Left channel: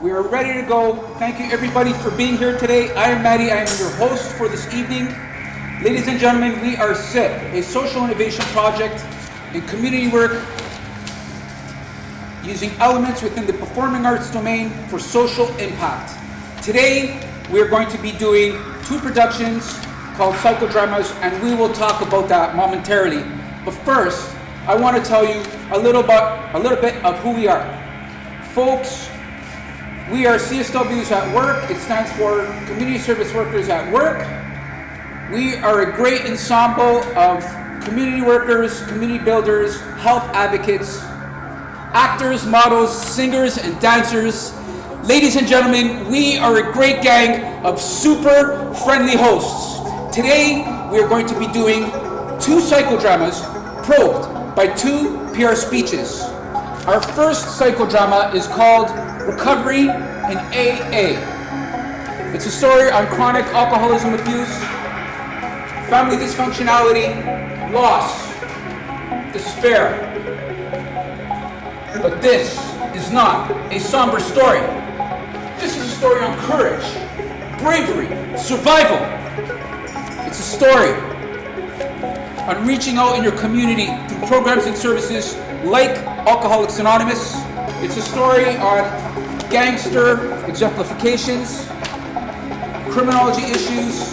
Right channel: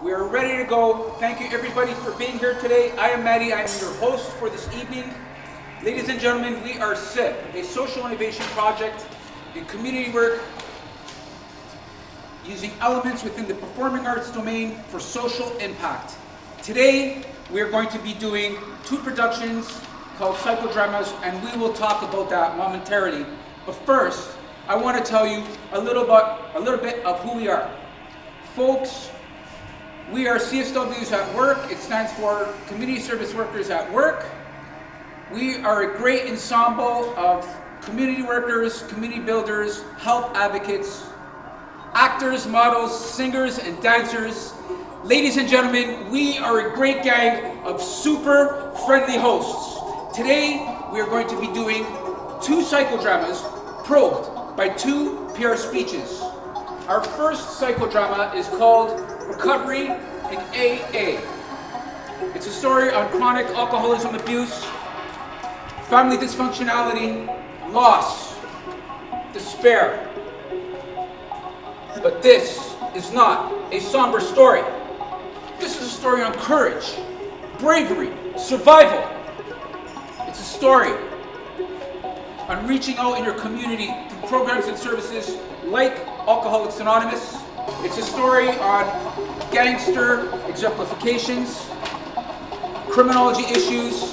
We are ready to go. Thank you everybody for being here today. I am Maddie, I am your host for this evening. Ladies and gentlemen, we are SIP, a social innovation project in community work using elements within the performing arts domain for social impact. Today, we are going to be doing two productions called Psychodramas, and we will talk about that momentarily. But first, I want to tell you a little bit of who we are. Folks, we are CSWs at work. It stands for Community Service Workers at Work. We are a great ensemble of community workers, community builders, health advocates, actors, models, singers, and dancers. Ladies and gentlemen, we are a great gang of super friendly hosts. Today, we are going to be doing two psychodramas probed by two PR speeches. Our first psychodrama is called Recovery in AA. It's a story on chronic alcoholism abuse, family dysfunctionality, loss, despair. But this is not a somber story. This is a story on courage, bravery, survival. It's a story on reaching out in your community through programs and services like Alcoholics Anonymous. It's a story on gangster exemplifications, criminology issues,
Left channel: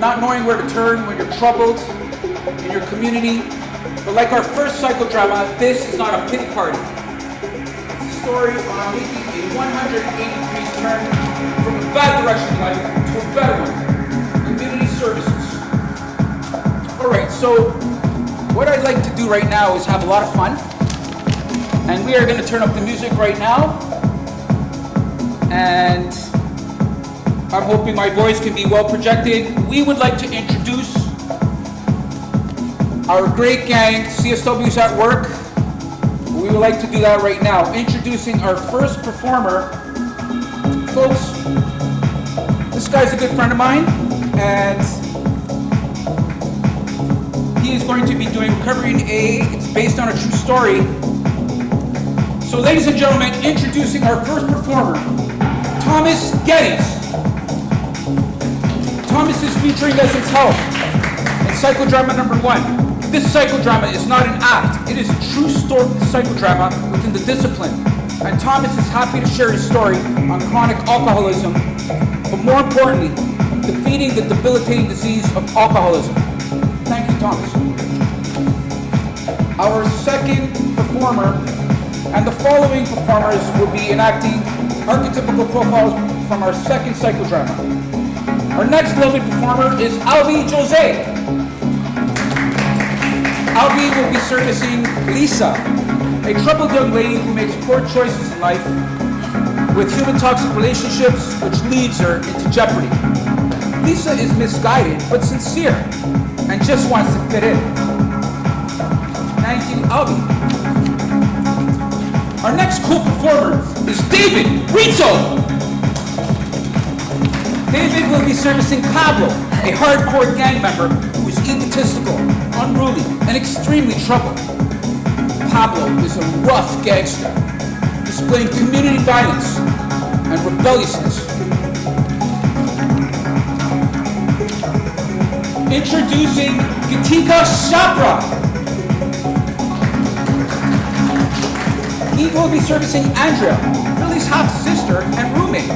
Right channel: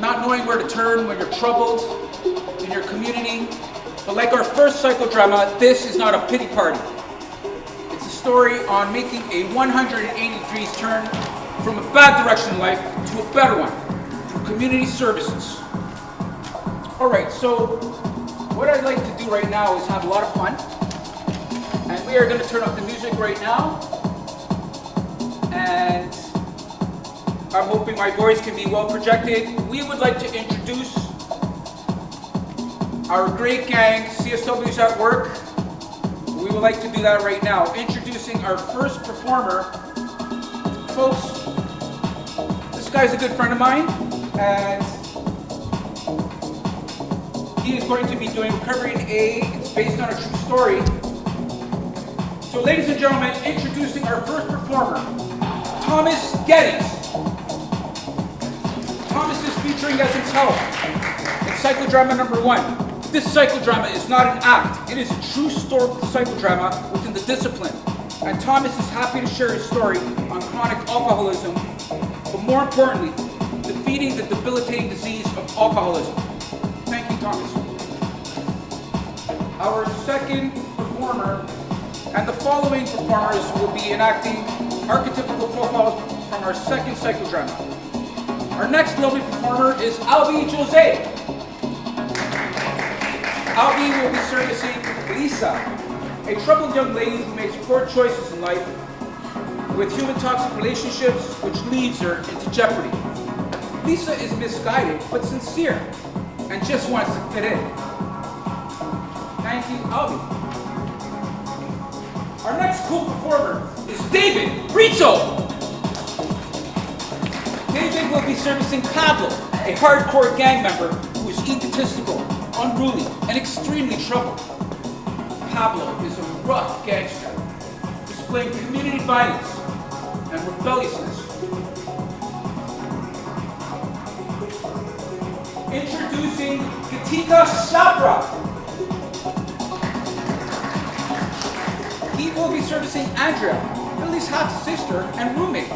not knowing where to turn when you're troubled in your community. But like our first psychodrama, this is not a pity party. It's a story on making a 180 degrees turn from a bad direction in life to a better one through community services. All right, so what I'd like to do right now is have a lot of fun. And we are going to turn up the music right now. And I'm hoping my voice can be well projected. We would like to introduce our great gang, CSWs at Work. We would like to do that right now. Introducing our first performer. Folks, this guy's a good friend of mine, and he is going to be doing Recovery in AA. It's based on a true story. So ladies and gentlemen, introducing our first performer, Thomas Geddes. Thomas is featuring as himself in psychodrama number 1. This psychodrama is not an act, it is a true story psychodrama within the discipline. And Thomas is happy to share his story on chronic alcoholism, but more importantly, defeating the debilitating disease of alcoholism. Thank you, Thomas. Our second performer, and the following performers will be enacting archetypical profiles from our second psychodrama. Our next lovely performer is Albi Jose. Albi will be servicing Lisa, a troubled young lady who makes poor choices in life with human toxic relationships, which leads her into jeopardy. Lisa is misguided but sincere and just wants to fit in. Thank you, Albi. Our next cool performer is David Rizzo. David will be servicing Pablo, a hardcore gang member who is egotistical, unruly, and extremely troubled. Pablo is a rough gangster, displaying community violence and rebelliousness. Introducing Gitika Chhabra. He will be servicing Andrea, Billy's half-sister and roommate,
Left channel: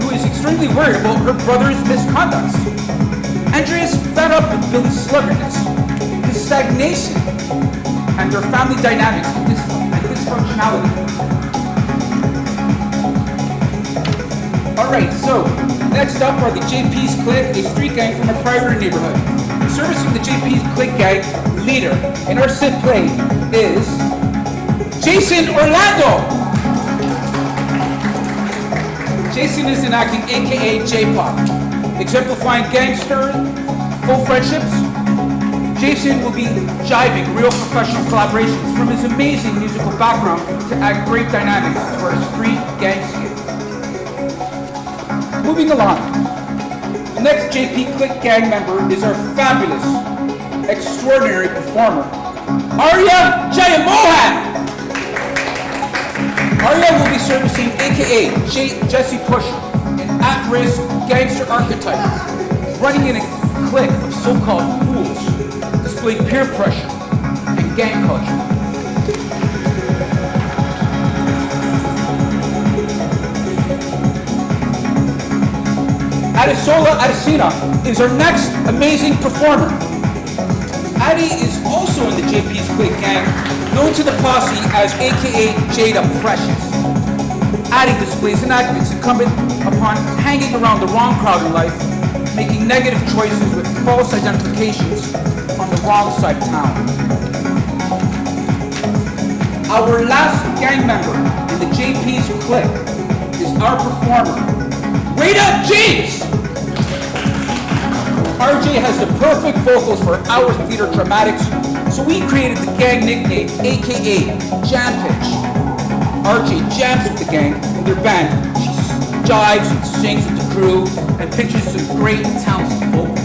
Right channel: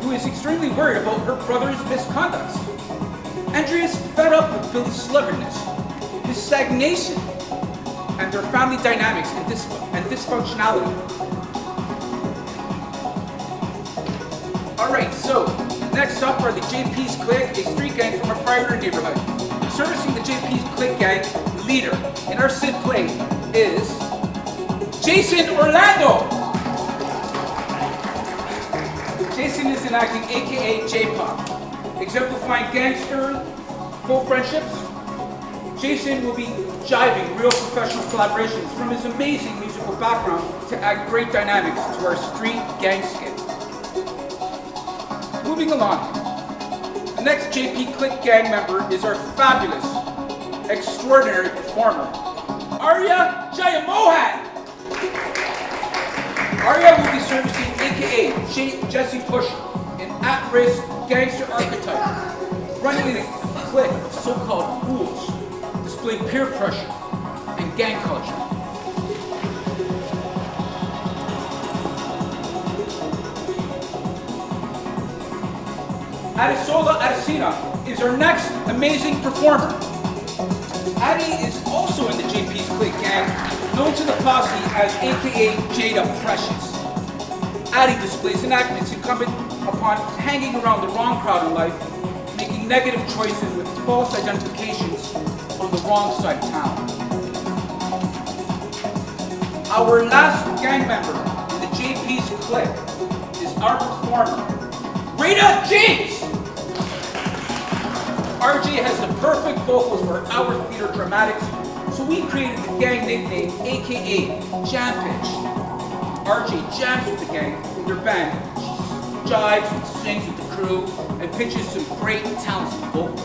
who is extremely worried about her brother's misconducts. Andrea is fed up with Billy's sluggardness, his stagnation, and their family dynamics and dysfunctionality. Alright, so next up are the JP's Clique, a street gang from a prior neighborhood. Servicing the JP's Clique gang leader in our SIP play is Jason Orlando. Jason is enacting AKA J-Pop, exemplifying gangster, full friendships. Jason will be jiving real professional collaborations from his amazing musical background to add great dynamics to our street gang skit. Moving along, the next JP Clique gang member is our fabulous, extraordinary performer, Arya Jayamohan. Ariel will be servicing AKA Jesse Push, an at-risk gangster archetype, running in a clique of so-called fools, displaying peer pressure and gang culture. Adesola Adesina is our next amazing performer. Addie is also in the JP's clique gang, known to the posse as AKA Jada Precious. Addie displays an act that's incumbent upon hanging around the wrong crowd in life, making negative choices with false identifications on the wrong side of town. Our last gang member in the JP's clique is our performer, Rita James. RJ has the perfect vocals for our theater dramatics, so we created the gang nickname, AKA Jam Pitch. RJ jams with the gang in their band. She jives and sings with the crew and pitches some great talented vocals.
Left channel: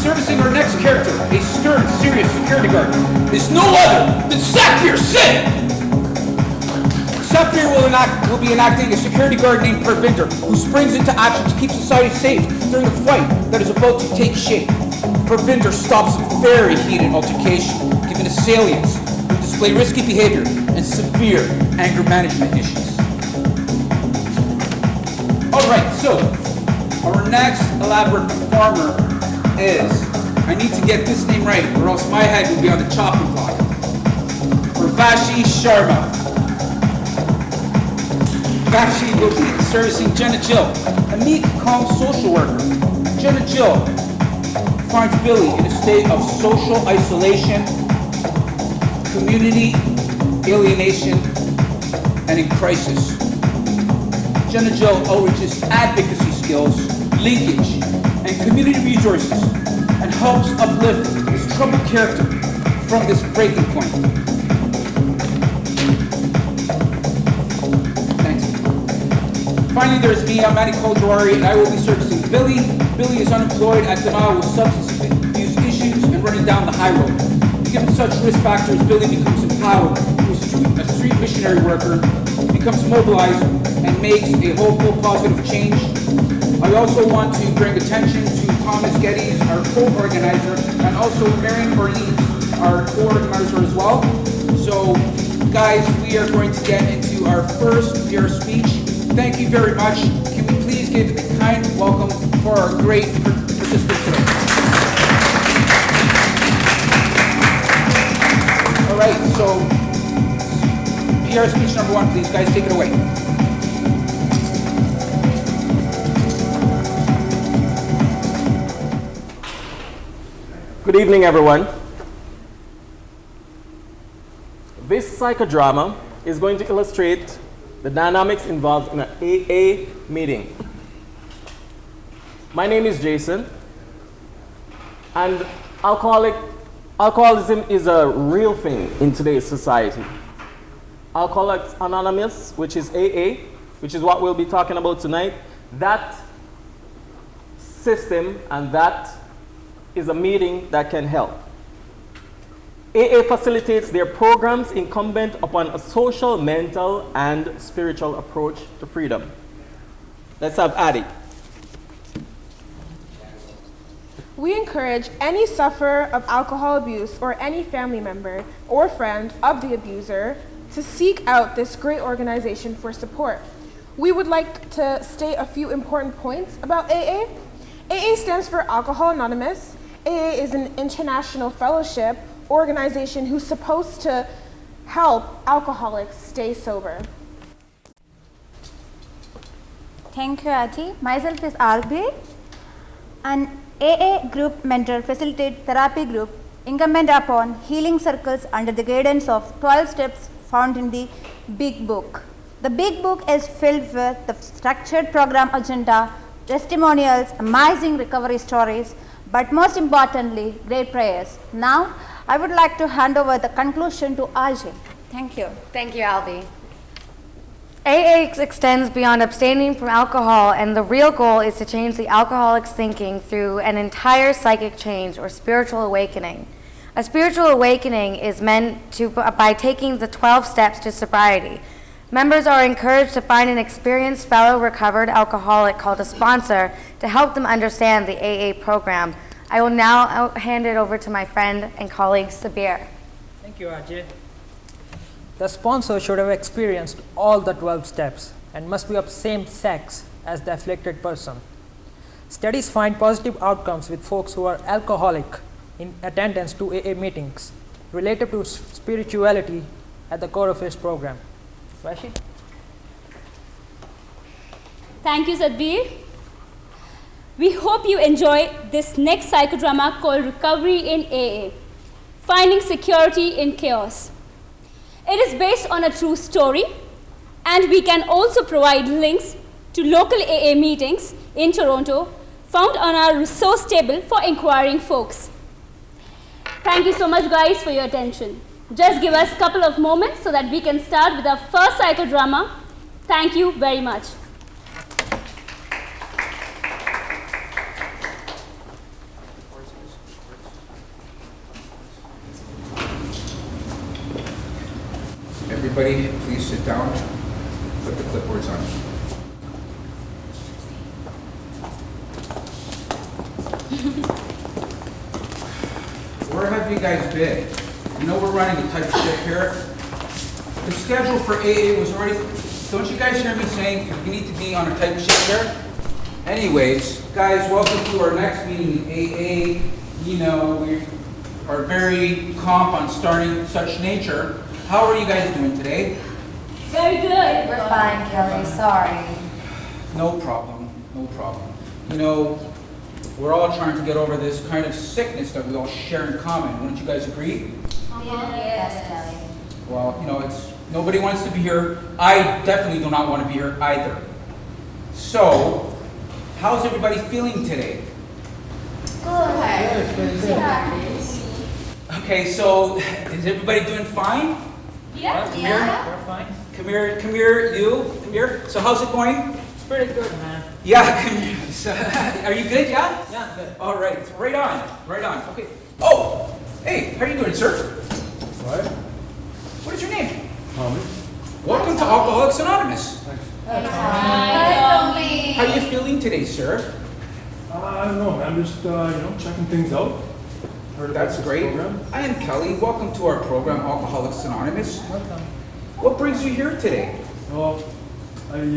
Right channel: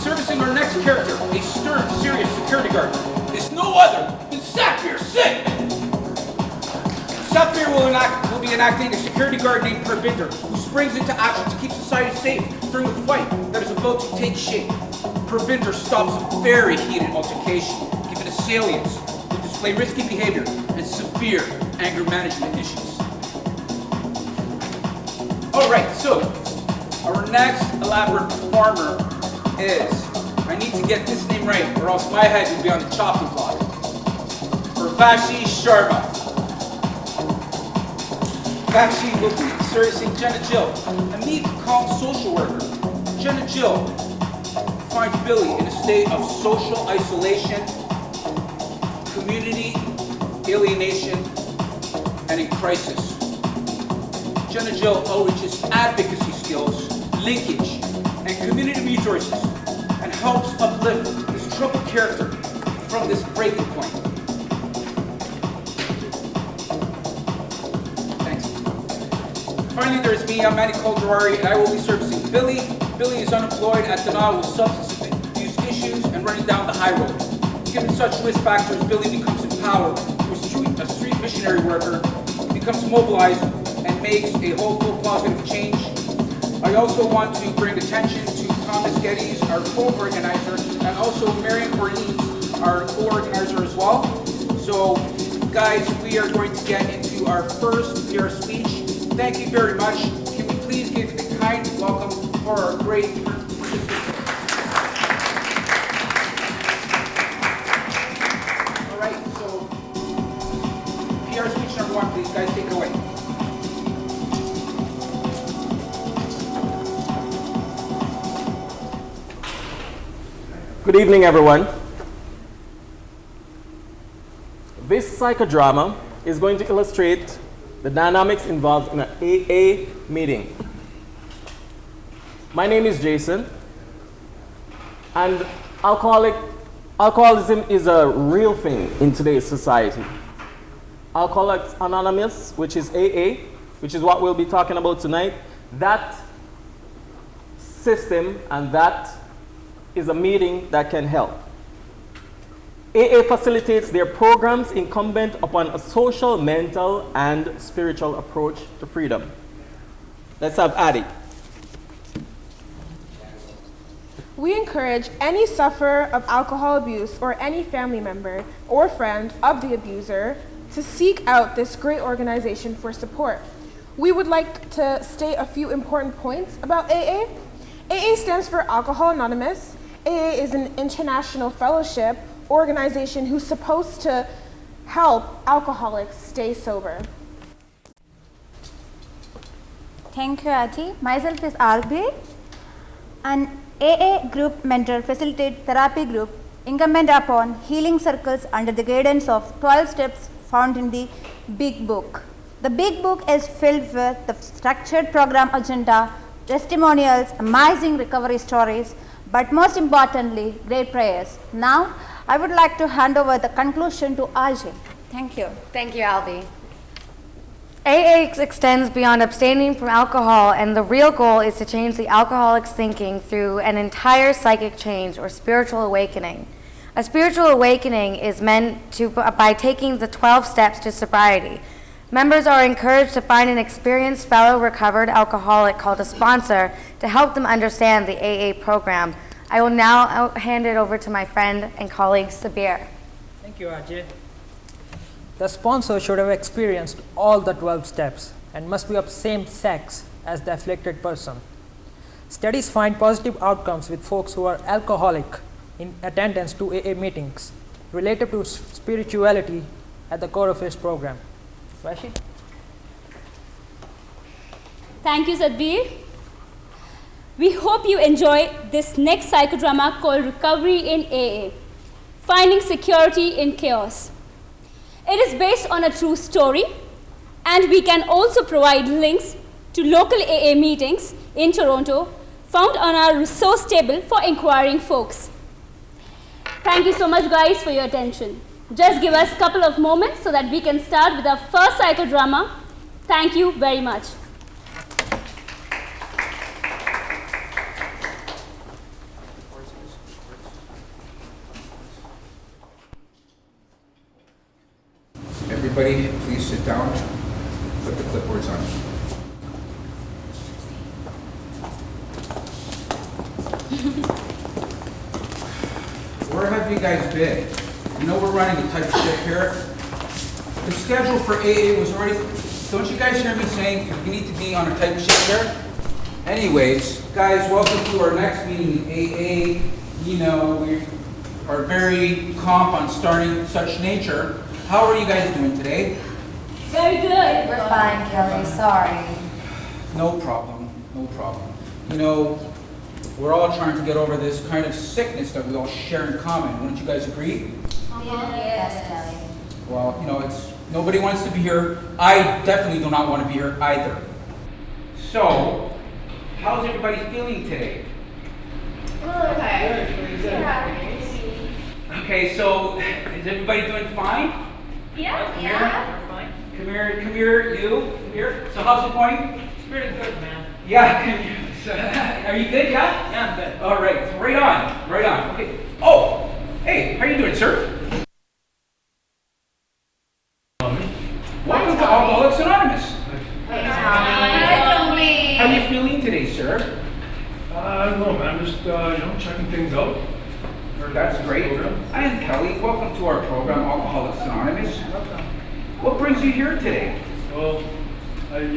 Servicing our next character, a stern, serious security guard, is no other than Sapir Singh. Sapir will be enacting a security guard named Parvinder, who springs into action to keep society safe during a fight that is about to take shape. Parvinder stops a very heated altercation, giving assailants who display risky behavior and severe anger management issues. Alright, so our next elaborate performer is, I need to get this name right or else my head will be on the chopping block. Urvashi Sharma. Vashi will be servicing Jenna Jill, a meek, calm social worker. Jenna Jill finds Billy in a state of social isolation, community alienation, and in crisis. Jenna Jill leverages advocacy skills, linkage, and community resources, and helps uplift this troubled character from this breaking point. Finally, there's me, I'm Manny Calderari, and I will be servicing Billy. Billy is unemployed at denial with substance abuse issues and running down the high road. Given such risk factors, Billy becomes empowered, a street missionary worker, becomes mobilized, and makes a hopeful, positive change. I also want to bring attention to Thomas Geddes, our co-organizer, and also Marion Ortiz, our co-organizer as well. So, guys, we are going to get into our first PR speech. Thank you very much. Can we please give a kind welcome for our great participants today? All right, so PR speech number one, please, guys, take it away. Good evening, everyone. This psychodrama is going to illustrate the dynamics involved in an AA meeting. My name is Jason, and alcoholism is a real thing in today's society. Alcoholics Anonymous, which is AA, which is what we'll be talking about tonight, that system and that is a meeting that can help. AA facilitates their programs incumbent upon a social, mental, and spiritual approach to freedom. Let's have Addie. We encourage any sufferer of alcohol abuse or any family member or friend of the abuser to seek out this great organization for support. We would like to state a few important points about AA. AA stands for Alcohol Anonymous. AA is an international fellowship organization who's supposed to help alcoholics stay sober. Thank you, Ati. Myself is Albi, an AA group mentor facilitated therapy group incumbent upon healing circles under the guidance of 12 steps found in the Big Book. The Big Book is filled with the structured program agenda, testimonials, amazing recovery stories, but most importantly, great prayers. Now, I would like to hand over the conclusion to Ajay. Thank you. Thank you, Albi. AA extends beyond abstaining from alcohol, and the real goal is to change the alcoholic's thinking through an entire psychic change or spiritual awakening. A spiritual awakening is meant to by taking the 12 steps to sobriety. Members are encouraged to find an experienced fellow recovered alcoholic called a sponsor to help them understand the AA program. I will now hand it over to my friend and colleague, Sabir. Thank you, Ajay. The sponsor should have experienced all the 12 steps and must be of same sex as the afflicted person. Studies find positive outcomes with folks who are alcoholic in attendance to AA meetings related to spirituality at the core of his program. Rashid? Thank you, Sadbir. We hope you enjoy this next psychodrama called Recovery in AA, Finding Security in Chaos. It is based on a true story, and we can also provide links to local AA meetings in Toronto found on our resource table for inquiring folks. Thank you so much, guys, for your attention. Just give us a couple of moments so that we can start with our first psychodrama. Thank you very much. Everybody, please sit down. Put the clipboards on. Where have you guys been? You know we're running a tight ship here. The schedule for AA was already... Don't you guys hear me saying we need to be on a tight ship here? Anyways, guys, welcome to our next meeting in AA. You know, we are very comp on starting such nature. How are you guys doing today? Very good. We're fine, Kelly. Sorry. No problem, no problem. You know, we're all trying to get over this kind of sickness that we all share in common. Wouldn't you guys agree? Yes, Kelly. Well, you know, nobody wants to be here. I definitely do not want to be here either. So, how's everybody feeling today? Okay, so is everybody doing fine? Yeah. Come here, you. Come here. So how's it going? Pretty good, man. Yeah, come here. Are you good, yeah? Yeah, I'm good. All right, right on. Okay. Oh, hey, how are you doing, sir? What? What is your name? Tommy? Welcome to Alcoholics Anonymous. Hi, How are you feeling today, sir? I don't know, man. I'm just, checking things out. Heard That's about this great. program. I am Kelly. Welcome to our program, Alcoholics Anonymous. What brings you here today? Well, I'm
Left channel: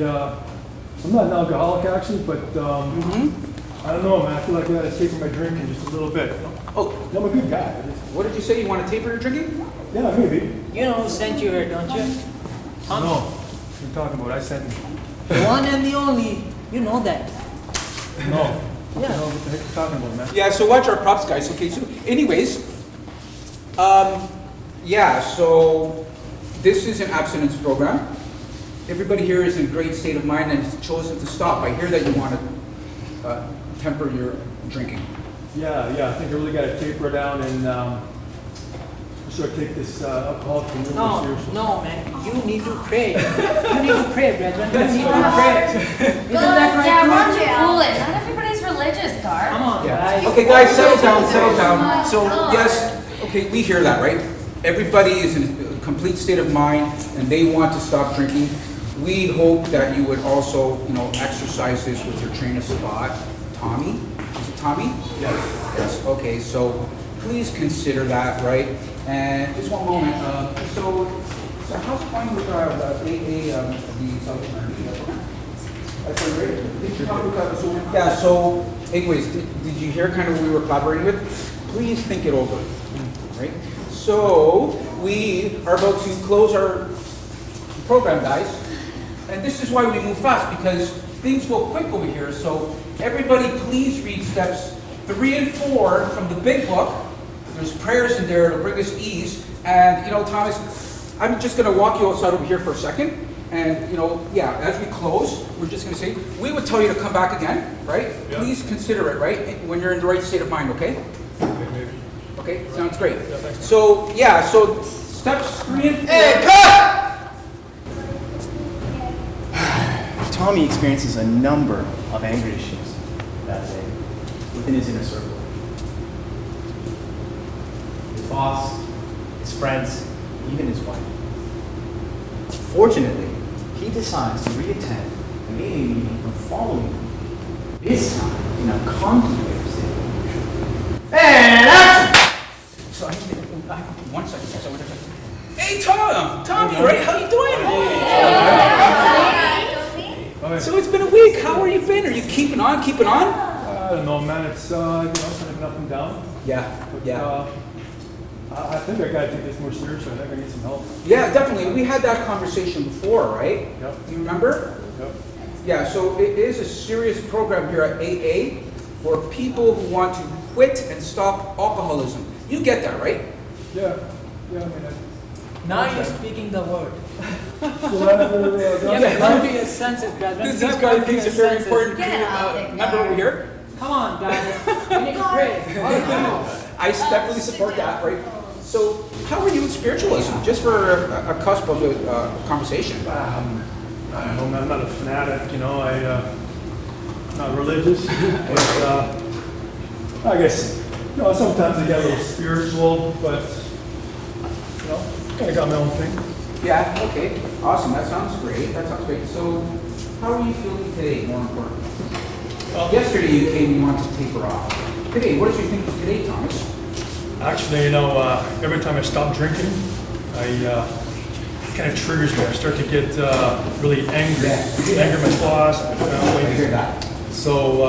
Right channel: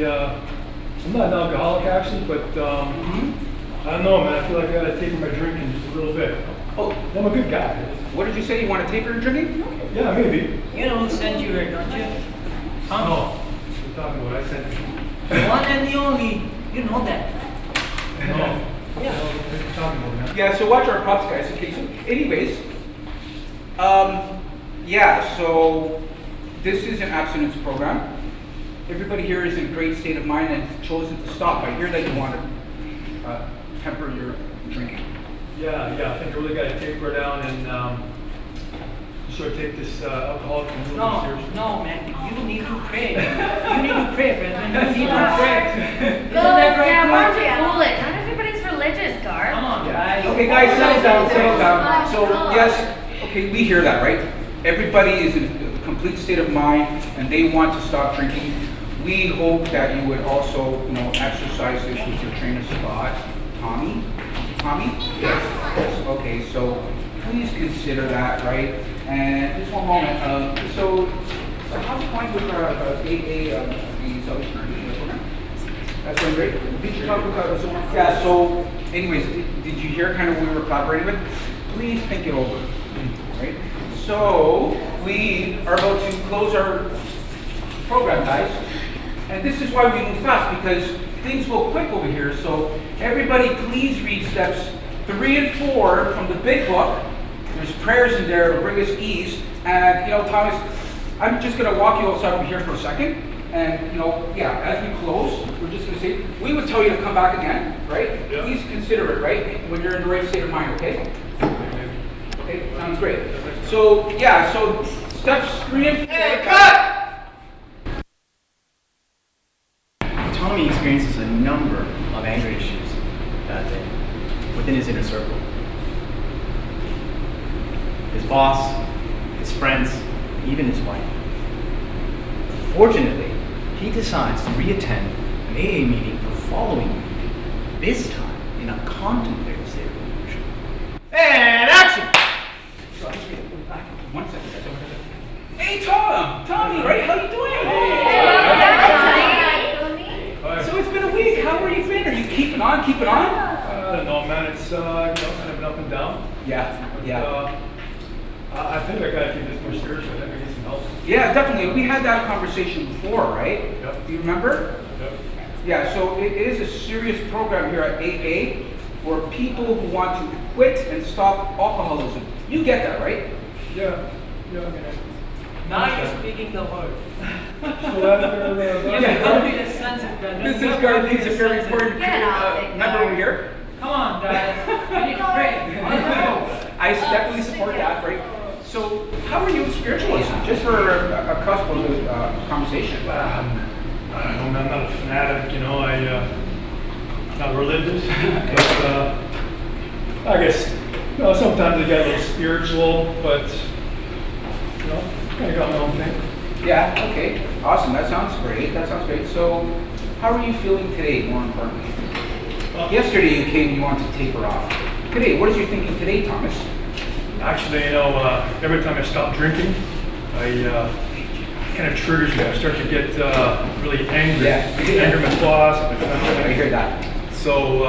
not an alcoholic actually, but I don't know, man. I feel like I gotta taper my drinking just a little bit. Oh, I'm a good guy. what did you say? You want to taper your drinking? Yeah, maybe. You know who sent you here, don't you? No. What are you talking about? I sent you. The one and the only. You know that. No. Yeah. No, what are you talking about, man? Yeah, so watch our props, guys. Okay, so anyways, yeah, so this is an abstinence program. Everybody here is in a great state of mind and has chosen to stop. I hear that you want to temper your drinking. Yeah. I think I really gotta taper down and sort of take this alcoholic community seriously. No, man. You need to pray. You need to pray, brethren. You need to pray. Isn't that right? Weren't you foolish? Not everybody's religious, Gar. Come on, guys. Okay, guys, settle down. So, yes, okay, we hear that, right? Everybody is in a complete state of mind and they want to stop drinking. We hope that you would also, exercise this with your trainer of thought. Tommy? Yes. Okay, so please consider that, right? And just one moment. So how's it going with AA, the Salvation program? That's right. So anyways, did you hear kind of who we were collaborating with? Please think it over, right? So we are about to close our program, guys. And this is why we move fast, because things go quick over here. So everybody please read steps 3 and 4 from the big book. There's prayers in there to bring us ease. And, Thomas, I'm just going to walk you outside over here for a second. And, as we close, we're just going to say, we would tell you to come back again, right? Yep. Please consider it, right? When you're in the right state of mind, okay? Okay, sounds great. So steps 3 and 4. Hey, cut! Tommy experiences a number of anger issues within his inner circle. his boss, his friends, even his wife. Fortunately, he decides to re-attend an AA meeting the following week, this time in a contemplative state of emotion. And action! Sorry, back up 1 second. Hey, Tom! Tommy, right? How you doing? So it's been a week. How are you been? Are you keeping on? I don't know, man. It's kind of been up and down. Yeah, But, yeah. I think I gotta take this more seriously. I think I need some help. Yeah, definitely. We had that conversation before, right? Yep. Do you remember? Yep. Yeah, so it is a serious program here at AA for people who want to quit and stop alcoholism. You get that, right? Yeah. Yeah. Now you're speaking the word. Yeah. Don't be a sensitive guy. This is good. These are very important. Member over here. Come on, guys. We need to pray. I definitely support that, right? So, how are you in spiritualism? Just for a cusp of a conversation. I don't know, man. I'm not a fanatic, I'm not religious, but I guess sometimes I get a little spiritual, but kind of got my own thing. Yeah. Okay. Awesome. That sounds great. So, how are you feeling today? More importantly, yesterday you came. You wanted to taper off. Today, what is your thinking today, Thomas? Actually, every time I stop drinking, it kind of triggers me. I start to get really angry. Yeah. Anger my boss and my family. I hear that. So,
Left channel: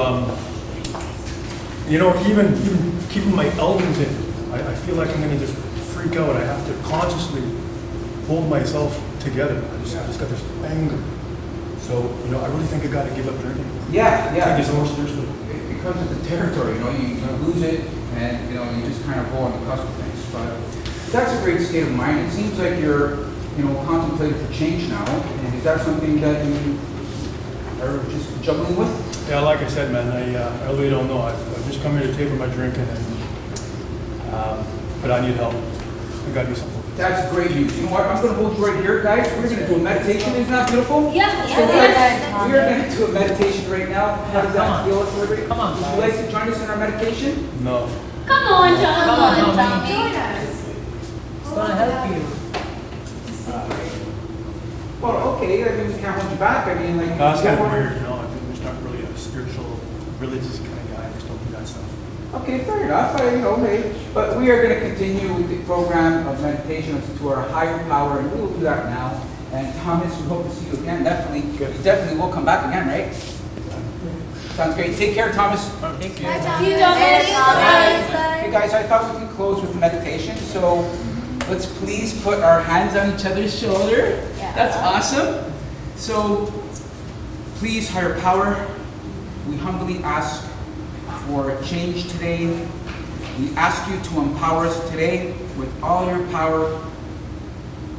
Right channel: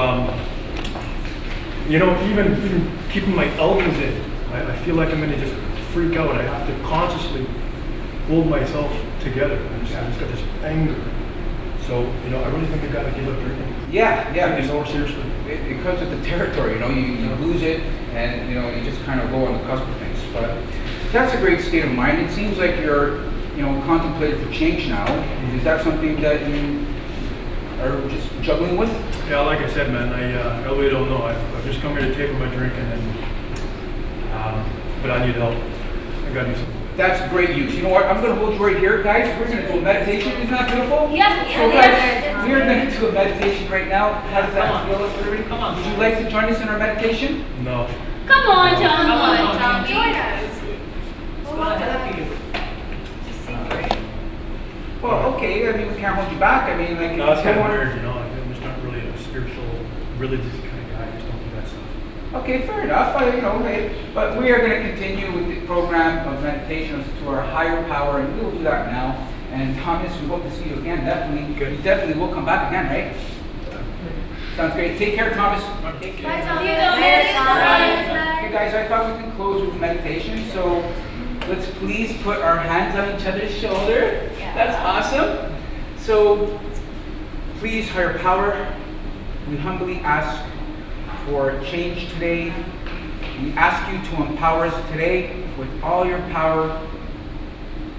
even keeping my elbows in, I feel like I'm going to just freak out. I have to consciously hold myself together. I just got this anger. So, I really think I got to give up drinking. Yeah. Take this more seriously. It comes with the territory. You lose it, and you just kind of go on the cusp of things. But that's a great state of mind. It seems like you're contemplating for change now. Is that something that you are just juggling with? Yeah, like I said, man, I really don't know. I've just come here to taper my drinking, but I need help. I got to do something. That's great news. You know what? I'm going to hold you right here, guys. We're going to do a meditation. Isn't that beautiful? Yeah. So guys, we are going to do a meditation right now. How does that feel for everybody? Come on. Would you like to join us in our meditation? No. Come on, John. Come on, Tommy. join us. It's gonna help you. Well, okay. I mean, we can't hold you back. I mean, like... No, it's kind of weird, I'm just not really a spiritual, religious kind of guy. I just don't do that stuff. Okay, fair enough. But we are going to continue with the program of meditations to our higher power, and we will do that now. And Thomas, we hope to see you again. Definitely. You definitely will come back again, right? Sounds great. Take care, Thomas. Thank you. See you, Thomas. Okay, guys, I thought we could close with meditation. So let's please put our hands on each other's shoulder. That's awesome. So please, higher power, we humbly ask for change today. We ask you to empower us today with all your power,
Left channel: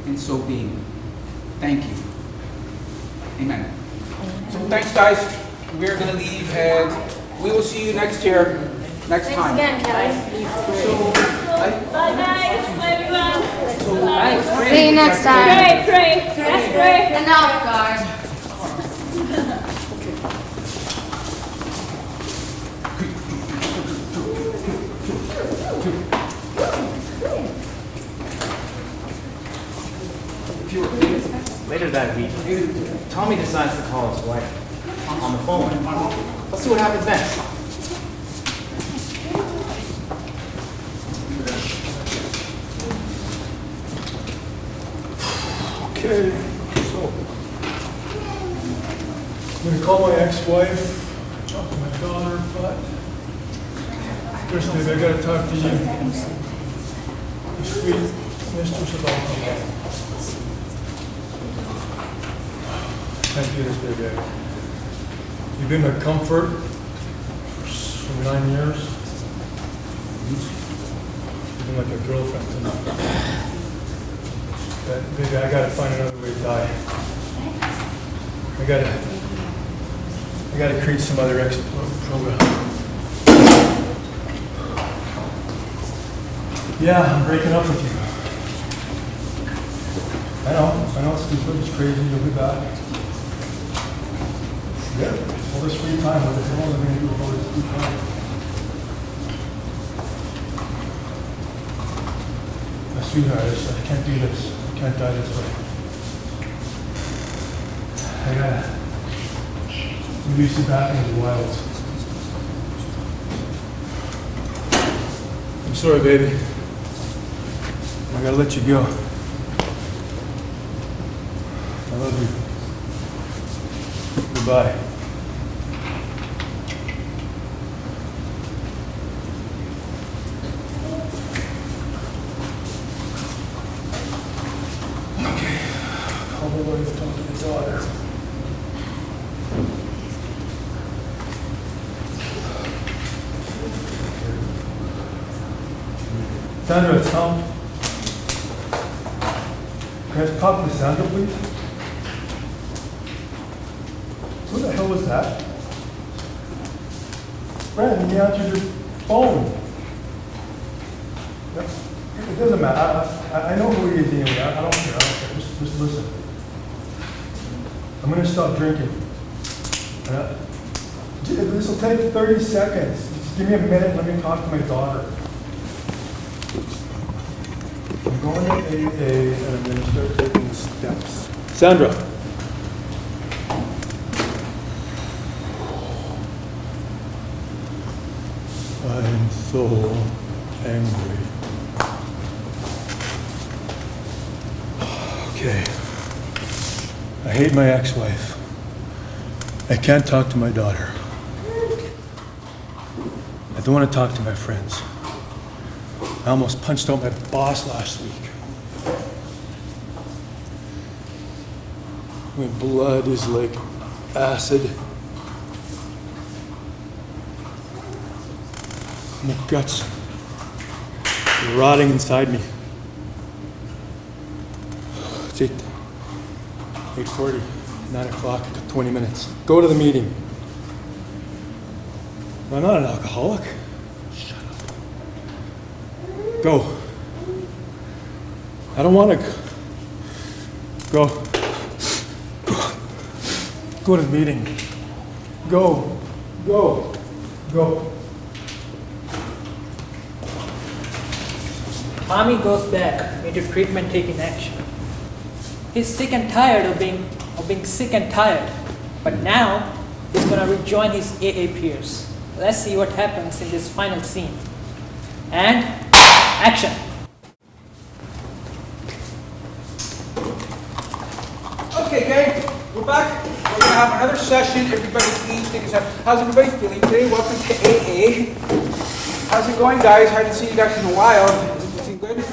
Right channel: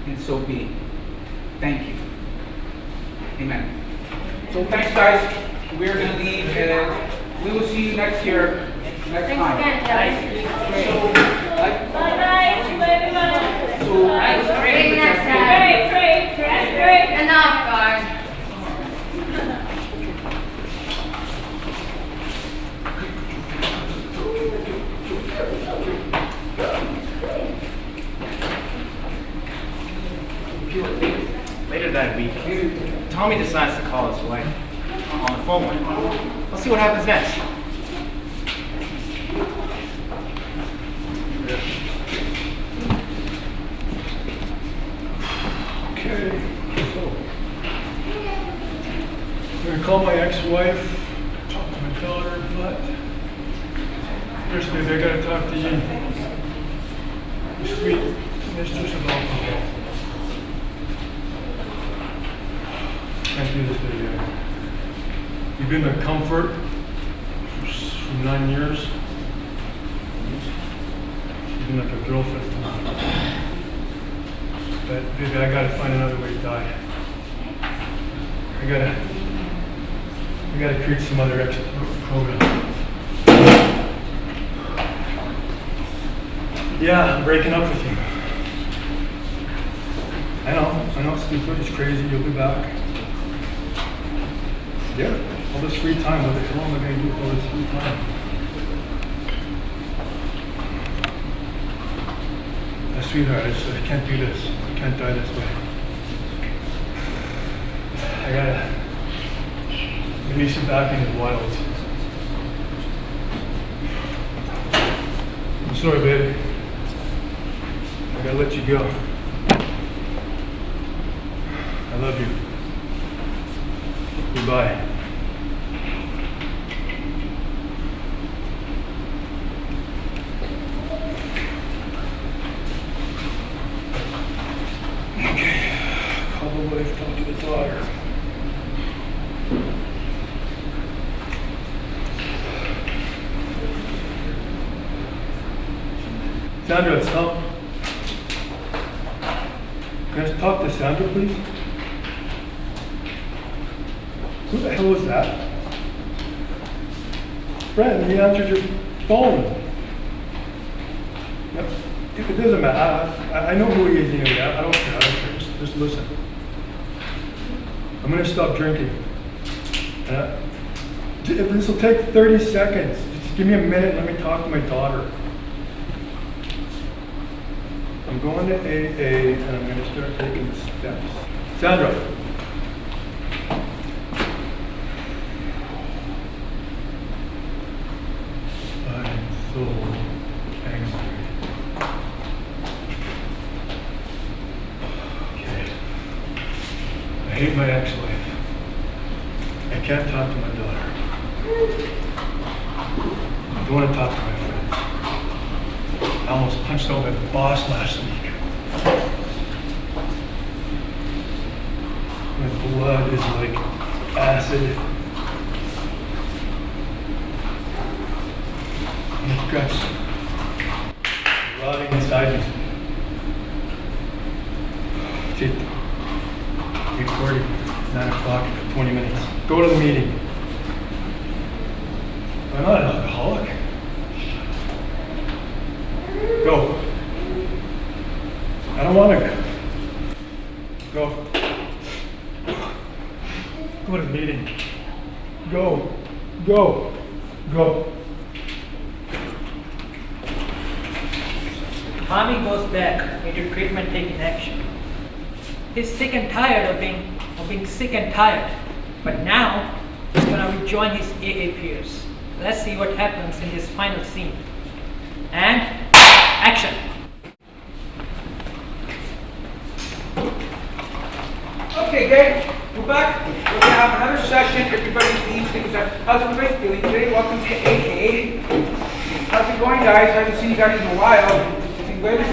and so be it. Thank you. Amen. So thanks, guys. We are going to leave, and we will see you next time. Thanks again, guys. Bye, guys. Bye, everyone. See you next time. Pray. Enough, guard. Later that week, Tommy decides to call his wife on the phone. Let's see what happens next. Okay, so I'm gonna call my ex-wife, talk to my daughter, but first maybe I gotta talk to you. Sweet mistress of alcohol. Can't do this, big guy. You've been a comfort for 9 years. You've been like a girlfriend to me. But baby, I gotta find another way to die. I gotta create some other exit program. Yeah, I'm breaking up with you. I know it's stupid, it's crazy, you'll be back. Yeah, all this free time, what am I gonna do with all this free time? sweetheart, I can't do this. I can't die this way. I gotta maybe sit back in the wilds. I'm sorry, baby. I gotta let you go. I love you. Goodbye. Okay. Call the wife, talk to the daughter. Sandra, it's Tom. Can I talk to Sandra, please? Who the hell was that? Brandon, you answered your phone. It doesn't matter. I know who you're dealing with. I don't care. Just listen. I'm going to stop drinking. This will take 30 seconds. Just give me a minute. Let me talk to my daughter. I'm going to AA and I'm going to start taking the steps. Sandra. I'm so angry. Okay. I hate my ex-wife. I can't talk to my daughter. I don't want to talk to my friends. I almost punched out my boss last week. My blood is like acid. My guts are rotting inside me. It's 8:40, 9 o'clock, 20 minutes. Go to the meeting. I'm not an alcoholic. Go. I don't want to go. Go to the meeting. Go. Go. Go. Tommy goes back into treatment taking action. He's sick and tired of being sick and tired. But now he's gonna rejoin his AA peers. Let's see what happens in this final scene. And action. Okay, gang, we're back. We're gonna have another session. Everybody please take a second. How's everybody feeling today? Welcome to AA. How's it going, guys? I haven't seen you guys in a while. Is it good? You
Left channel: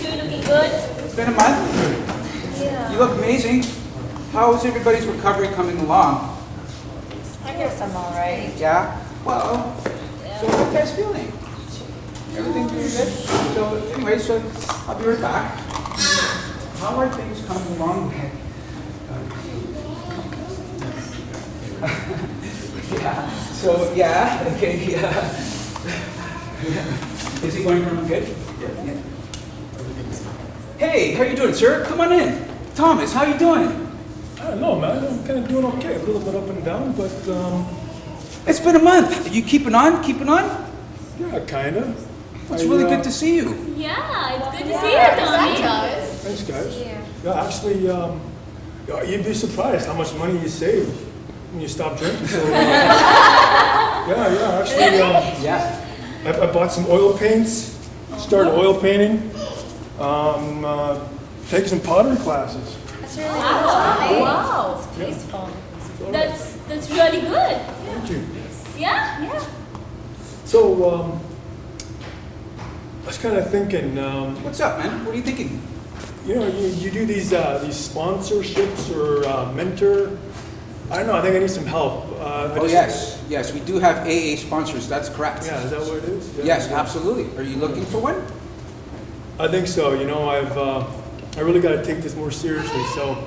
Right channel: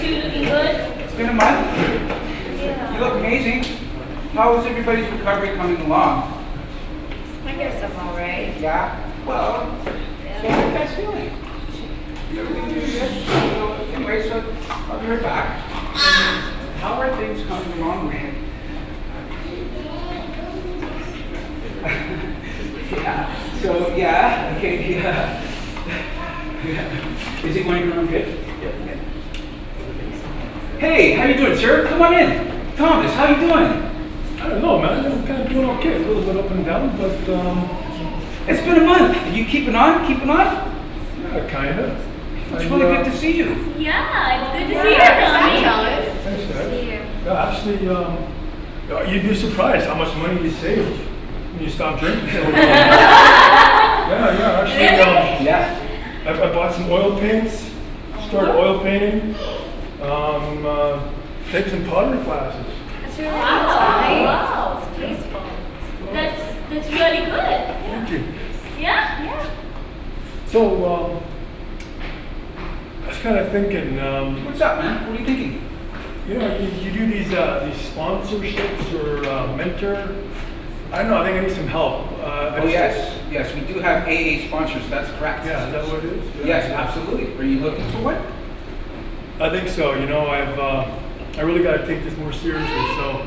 two looking good? It's been a month. Yeah. You look amazing. How is everybody's recovery coming along? I guess I'm all right. Yeah? Well, so how are you guys feeling? Everything doing good? So, anyway, so I'll be right back. How are things coming along? Yeah. So, yeah. Okay, yeah. Is it going around good? Yeah. Hey, how you doing, sir? Come on in. Thomas, how you doing? I don't know, man. I'm kind of doing okay. A little bit up and down, but It's been a month. You keeping on? Keeping on? yeah, kind of. It's really good to see you. Yeah, it's good to see you, Tommy. Thanks, guys. Yeah, actually, you'd be surprised how much money you save when you stop drinking. So, yeah, actually, Yeah. I bought some oil paints, started oil painting, taking some pottery classes. That's really wow. It's tasteful. That's really good. Thank you. Yeah? Yeah. So, I was kind of thinking, What's up, man? What are you thinking? you know, you do these sponsorships or mentor. I don't know. I think I need some help. Yes, we do have AA sponsors. That's correct. Yeah, is that what it is? Yeah. Yes, absolutely. Are you looking for one? I think so. You know, I really got to take this more seriously. So,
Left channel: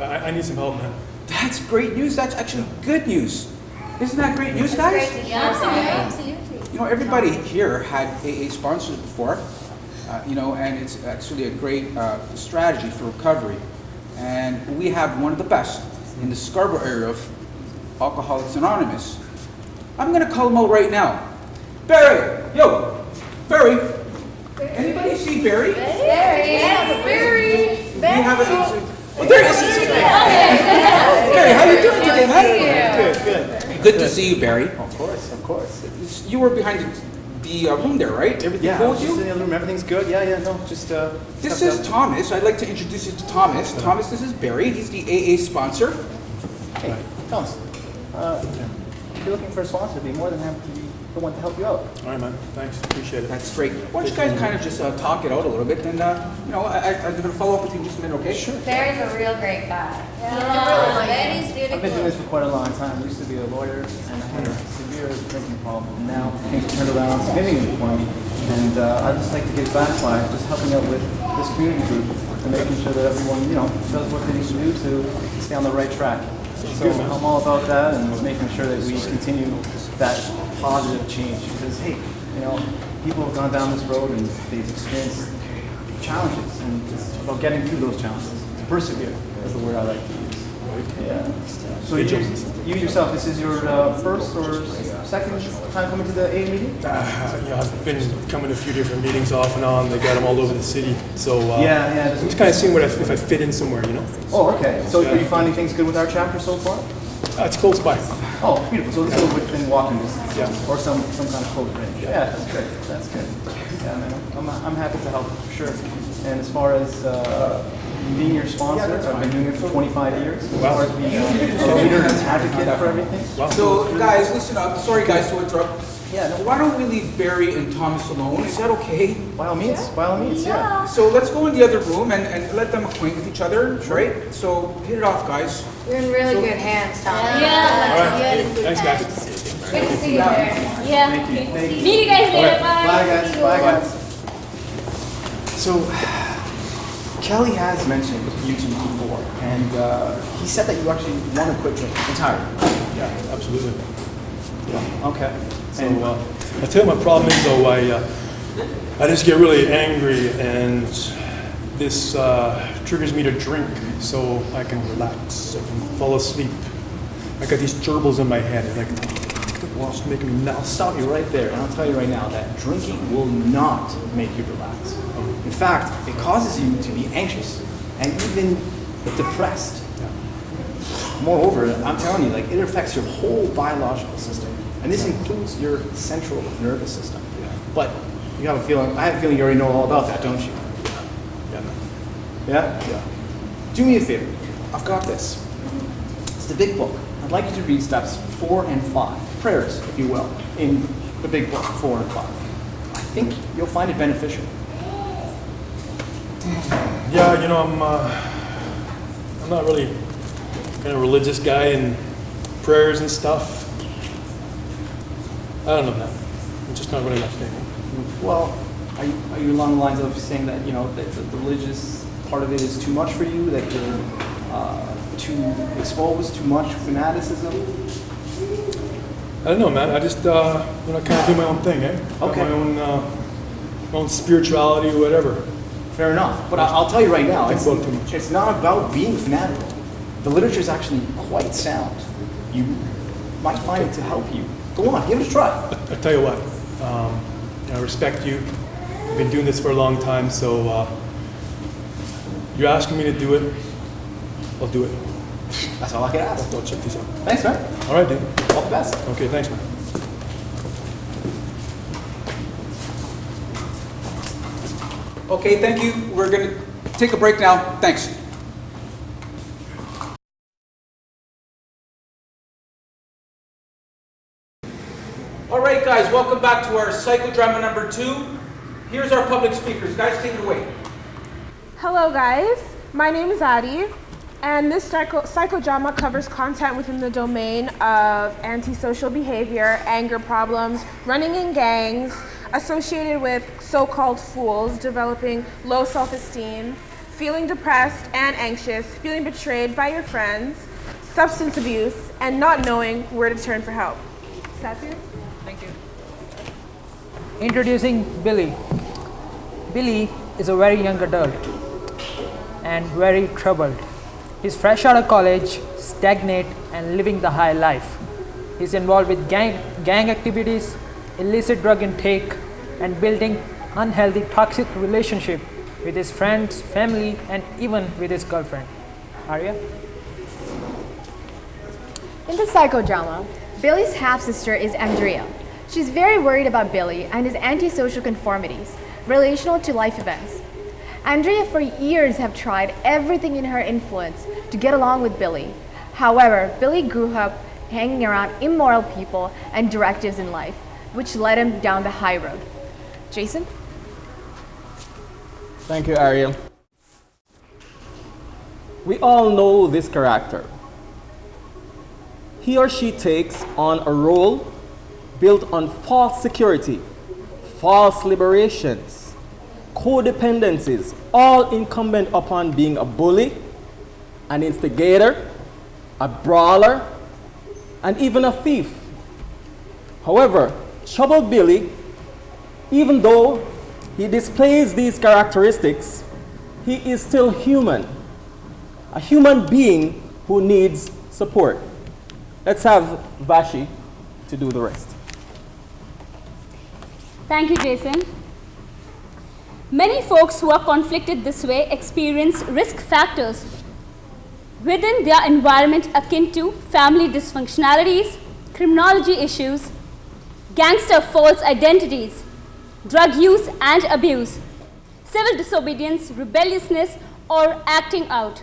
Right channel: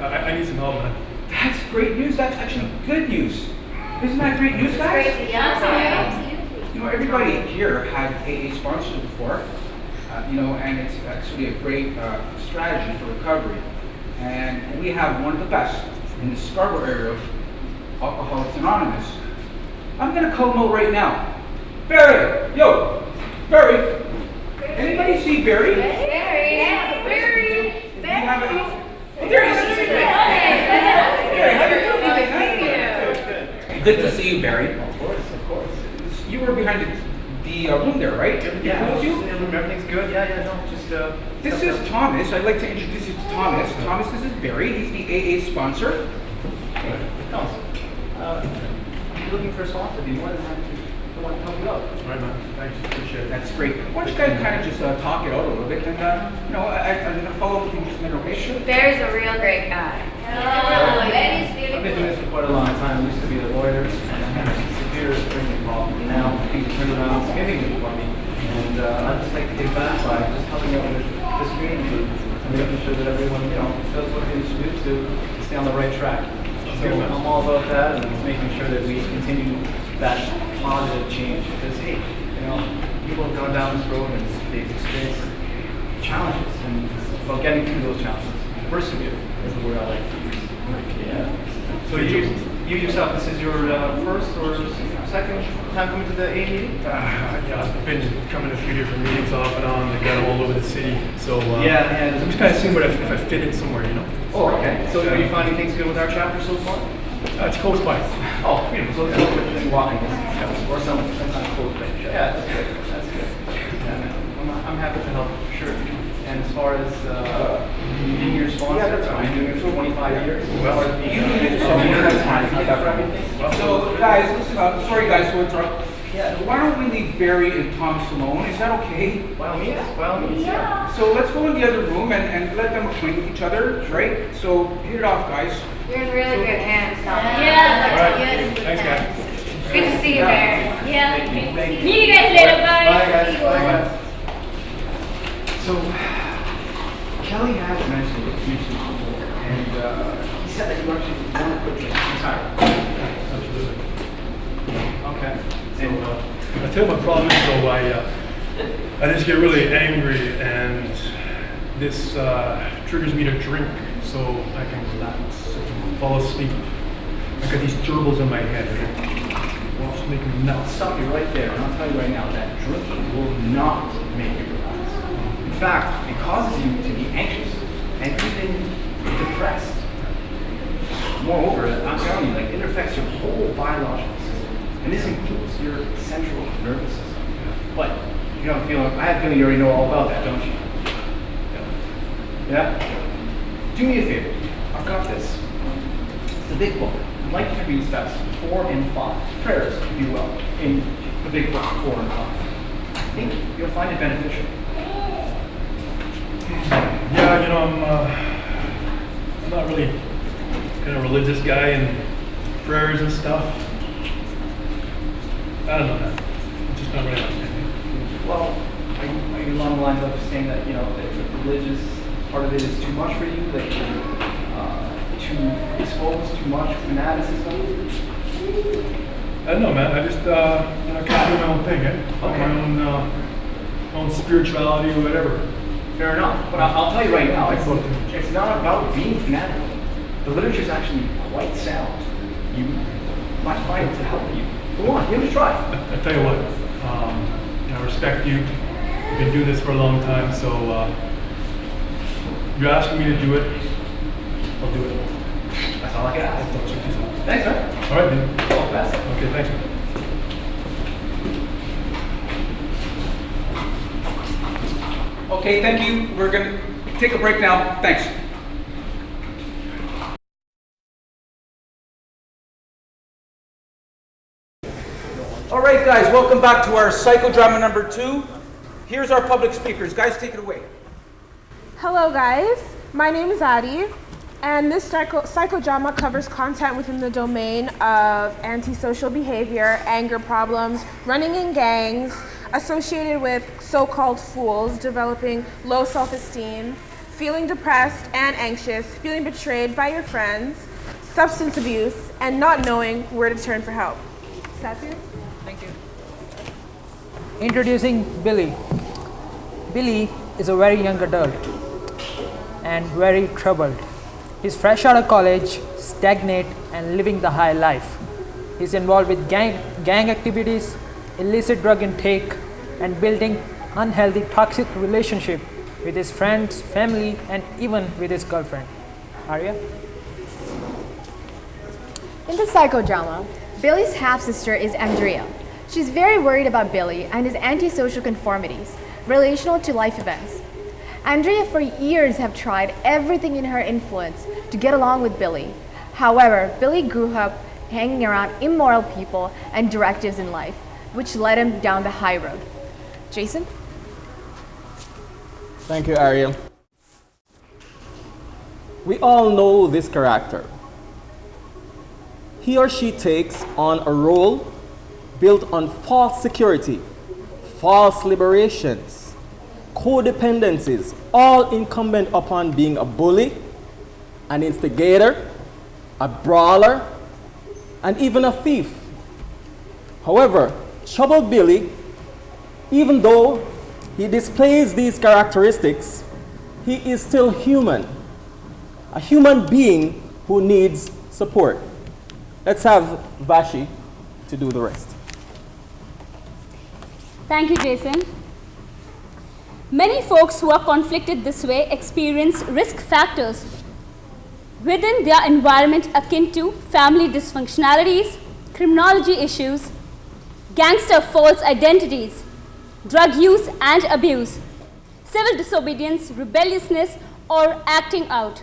I need some help, man. That's great news. That's actually good news. Isn't that great news, guys? Yeah, absolutely. You know, everybody here had AA sponsors before, and it's actually a great strategy for recovery. And we have one of the best in the Scarborough area of Alcoholics Anonymous. I'm going to call him out right now. Barry! Yo! Barry! Anybody see Barry? Barry. You have it. Oh, there he is. Barry, how you doing today, man? Good. Good to see you, Barry. Of course. You were behind the room there, right? Yeah, What was you? everything's good. Yeah, no, just This is Thomas. I'd like to introduce you to Thomas. Thomas, this is Barry. He's the AA sponsor. Hey, Thomas. If you're looking for a sponsor, I'd be more than happy to want to help you out. All right, man. Thanks. Appreciate it. That's great. Why don't you guys kind of just talk it out a little bit, and I'm going to follow up with you in just a minute, okay? Sure. Barry's a real great guy. I've been doing this for quite a long time. I used to be the lawyer, and I had a severe drinking problem. And now things turned around significantly for me. And I'd just like to give back by just helping out with this community and making sure that everyone, does what they need to do to stay on the right track. So I'm all about that and making sure that we continue that positive change. Because, hey, people have gone down this road and they've experienced challenges. And it's about getting through those challenges. Persevere is the word I like to use. Yeah. So you yourself, this is your first or second time coming to the AA meeting? Yeah, I've been coming to a few different meetings off and on. They got them all over the city. So yeah. I'm just kind of seeing if I fit in somewhere, Oh, okay. So are you finding things good with our chapter so far? It's close by. Oh, beautiful. So it's within walking distance. Yeah. Or sometimes close range. Yeah, that's good. That's good. Yeah, man. I'm happy to help for sure. And as far as being your sponsor, I've been doing it for 25 years. As far as being an advocate for everything. So, guys, listen up. Sorry, guys, to interrupt. Yeah. Why don't we leave Barry and Thomas alone? Is that okay? By all means, yeah. So let's go in the other room and let them acquaint with each other, right? So hit it off, guys. You're in really good hands, Thomas. Yeah. All right. Thanks, guys. Good to see you, Barry. Yeah. See you guys later. Bye. Bye, guys. So, Kelly has mentioned YouTube before, and he said that you actually want to quit drinking entirely. Yeah, absolutely. Okay. So I tell you my problem is though, I just get really angry, and this triggers me to drink so I can relax, I can fall asleep. I got these gerbils in my head, and it wants to make me melt. I'll stop you right there, and I'll tell you right now that drinking will not make you relax. In fact, it causes you to be anxious and even depressed. Moreover, I'm telling you, it affects your whole biological system, and this includes your central nervous system. But I have a feeling you already know all about that, don't you? Yeah? Do me a favor. I've got this. It's the big book. I'd like you to read steps 4 and 5, prayers, if you will, in the big book 4 and 5. I think you'll find it beneficial. Yeah, I'm not really kind of religious guy and prayers and stuff. I don't know that. It's just not really my thing. Well, are you along the lines of saying that, that the religious part of it is too much for you, that you're too exposed, too much fanaticism? I don't know, man. I just, kind of do my own thing, Okay. My own spirituality or whatever. Fair enough. But I'll tell you right now, it's not about being fanatical. The literature is actually quite sound. You might find it to help you. Go on, give it a try. I tell you what, I respect you. You've been doing this for a long time, so you're asking me to do it, I'll do it. That's all I can ask. I'll check this out. Thanks, man. All right, dude. All the best. Okay, thanks, man. Okay, thank you. We're going to take a break now. Thanks. All right, guys, welcome back to our psychodrama number 2. Here's our public speakers. Guys, take it away. Hello, guys. My name is Addie, and this psychodrama covers content within the domain of antisocial behavior, anger problems, running in gangs, associated with so-called fools, developing low self-esteem, feeling depressed and anxious, feeling betrayed by your friends, substance abuse, and not knowing where to turn for help. Satya? Thank you. Introducing Billy. Billy is a very young adult and very troubled. He's fresh out of college, stagnant, and living the high life. He's involved with gang activities, illicit drug intake, and building unhealthy, toxic relationship with his friends, family, and even with his girlfriend. Arya? In the psychodrama, Billy's half-sister is Andrea. She's very worried about Billy and his antisocial conformities, relational to life events. Andrea for years have tried everything in her influence to get along with Billy. However, Billy grew up hanging around immoral people and directives in life, which led him down the high road. Jason? Thank you, Ariel. We all know this character. He or she takes on a role built on false security, false liberations, codependencies, all incumbent upon being a bully, an instigator, a brawler, and even a thief. However, Trouble Billy, even though he displays these characteristics, he is still human, a human being who needs support. Let's have Vashi to do the rest. Thank you, Jason. Many folks who are conflicted this way experience risk factors within their environment akin to family dysfunctionalities, criminology issues, gangster false identities, drug use and abuse, civil disobedience, rebelliousness, or acting out.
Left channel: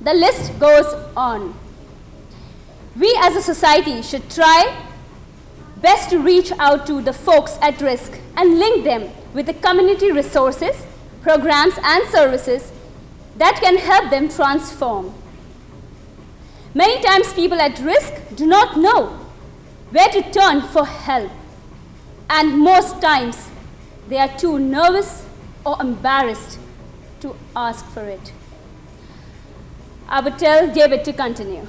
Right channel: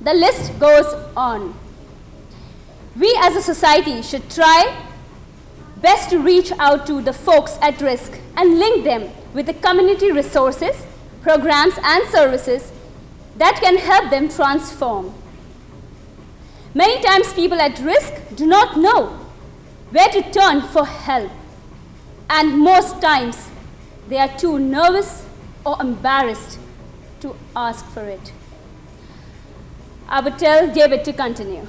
The list goes on. We as a society should try best to reach out to the folks at risk and link them with the community resources, programs, and services that can help them transform. Many times people at risk do not know where to turn for help, and most times they are too nervous or embarrassed to ask for it. I would tell David to continue.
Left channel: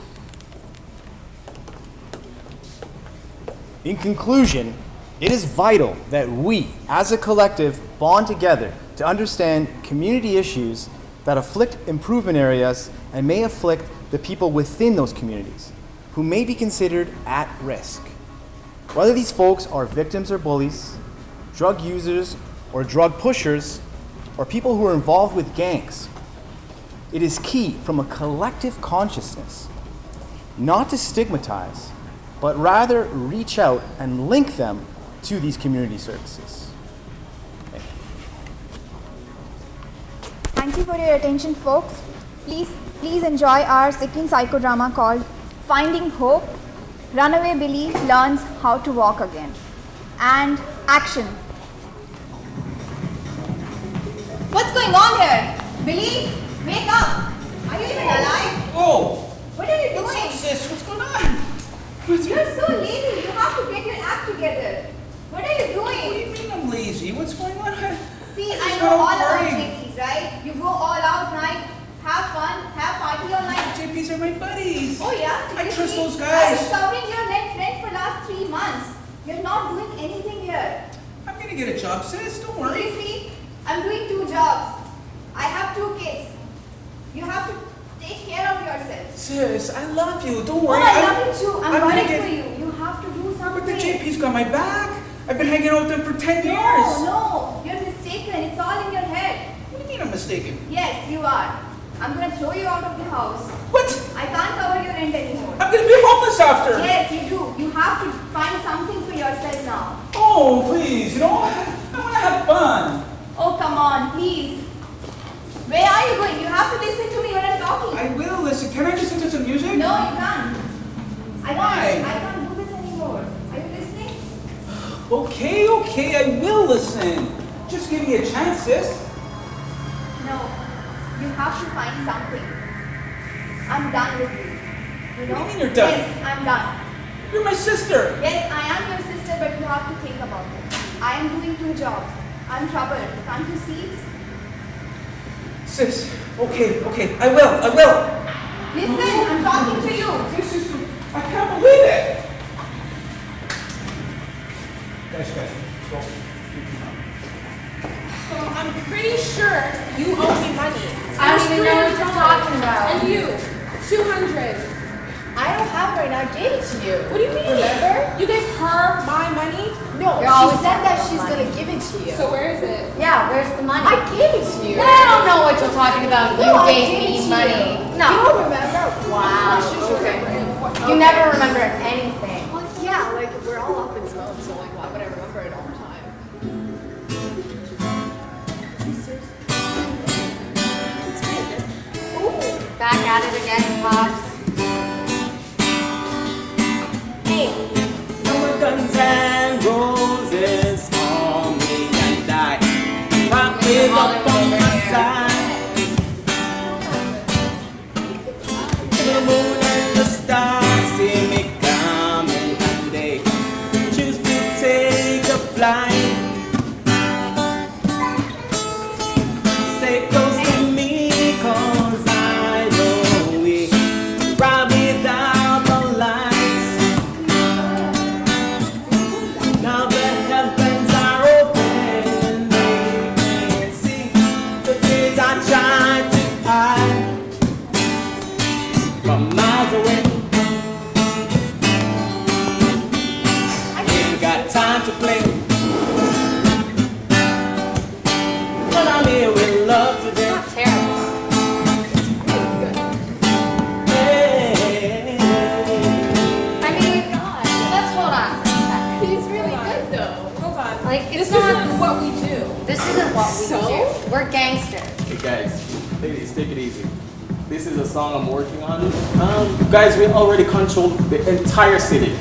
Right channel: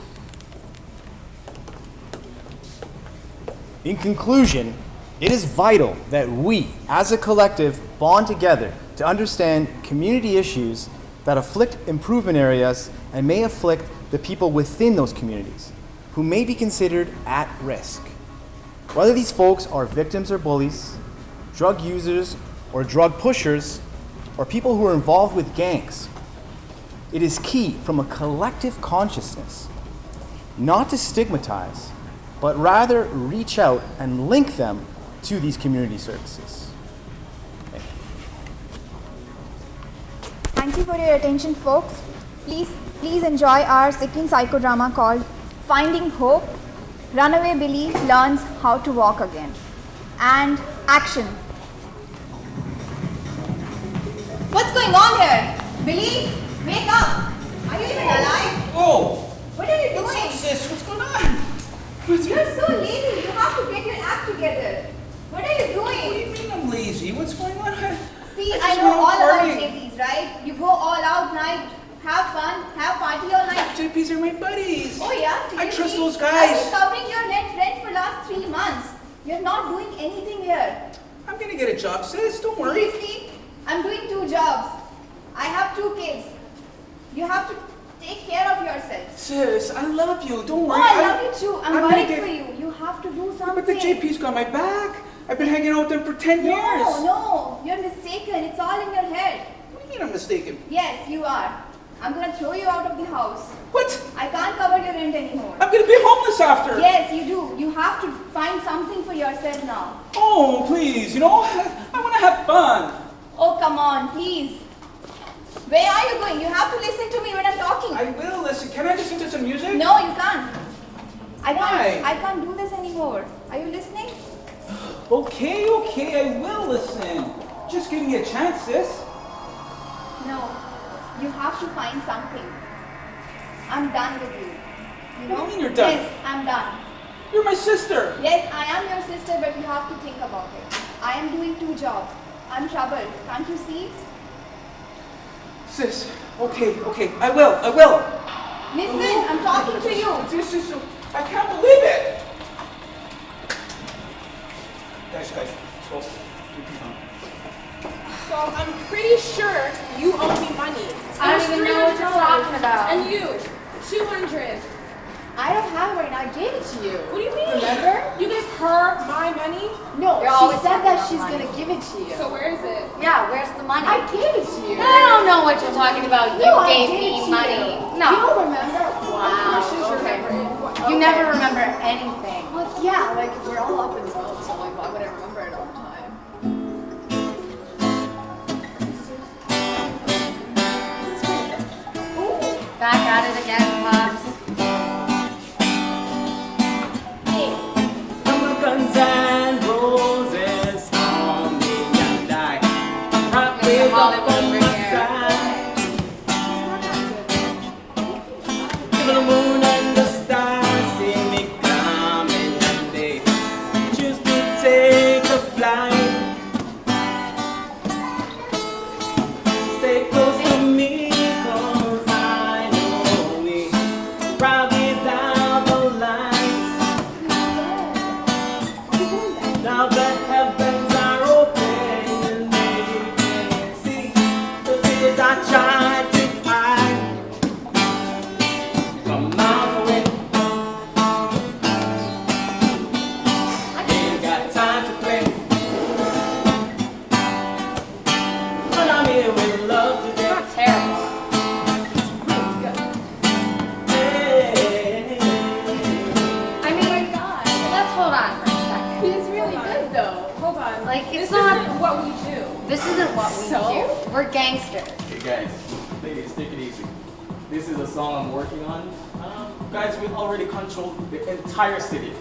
In conclusion, it is vital that we, as a collective, bond together to understand community issues that afflict improvement areas and may afflict the people within those communities who may be considered at risk. Whether these folks are victims or bullies, drug users or drug pushers, or people who are involved with gangs, it is key from a collective consciousness not to stigmatize, but rather reach out and link them to these community services. Thank you for your attention, folks. Please enjoy our second psychodrama called Finding Hope. Runaway Billy learns how to walk again. And action. What's going on here? Billy, wake up. Are you even alive? Whoa! What are you doing? What's up, sis? What's going on? You're so lazy. You have to get your act together. What are you doing? What do you mean I'm lazy? What's going on? See, just I know went out all about partying. JPs, right? You go all out night, have fun, have party all night. JPs are my buddies. Oh yeah? I trust Seriously? those guys. I've been covering your rent for last 3 months. You're not doing anything here. I'm gonna get a job, sis. Don't worry. Seriously? I'm doing 2 jobs. I have 2 kids. You have to take care of yourself. Sis, I love you. Don't Oh, worry. I love you too. I'm gonna worried get- for you. You have to do something. But the JP's got my back. I've been hanging out with them for 10 years. No, you're mistaken. It's all in your head. What do you mean I'm mistaken? Yes, you are. I'm gonna throw you out of the house. What? I can't cover your rent anymore. I'm gonna be homeless after. Yes, you do. You have to find something for yourself now. Oh, please. You know, I wanna have fun. Oh, come on, please. Where are you going? You have to listen to me when I'm talking. I will listen. Can I listen to some music? No, you can't. Why? I can't do this anymore. Are you listening? Okay, I will listen. Just give me a chance, sis. No. You have to find something. I'm done with you. You know? What do you mean you're done? Yes, I'm done. You're my sister. Yes, I am your sister, but you have to think about it. I am doing 2 jobs. I'm troubled. Can't you see? Sis, okay, I will. Listen, I'm talking to you. Sis, I can't believe it. Guys, well, So I'm pretty sure you owe me money. I don't even know what you're talking about. And you, 200. I don't have it right now. I gave it to you. What do you mean? Remember? You gave her my money? No, You're always she said talking that about she's money. gonna give it it to you. So where is it? Yeah, where's the money? I gave it to you. I don't know what you're talking about. No, You I gave gave it me to money. you. No. You don't remember? Wow. Okay. You never remember anything. Like, yeah, like we're all up in smoke, so like, why would I remember it all the time? It's pretty good. Ooh. Back at it again, Pops. Hey, Guns and roses for me and I. Rocking up on my side. The moon and the stars see me coming, and they choose to take a flight. Stay close to me, 'cause I know we ride without the lights. Now the heavens are open, they can see the things I tried to hide from miles away. I ain't got time to play, but I'm here with love today. Not terrible. Hey. I mean, let's hold on for a second. he's really good though. Hold on. Like, it's this not- isn't what we do. This isn't what So? we do. We're gangsters. Hey guys, ladies, take it easy. This is a song I'm working on. Guys, we already control the entire city.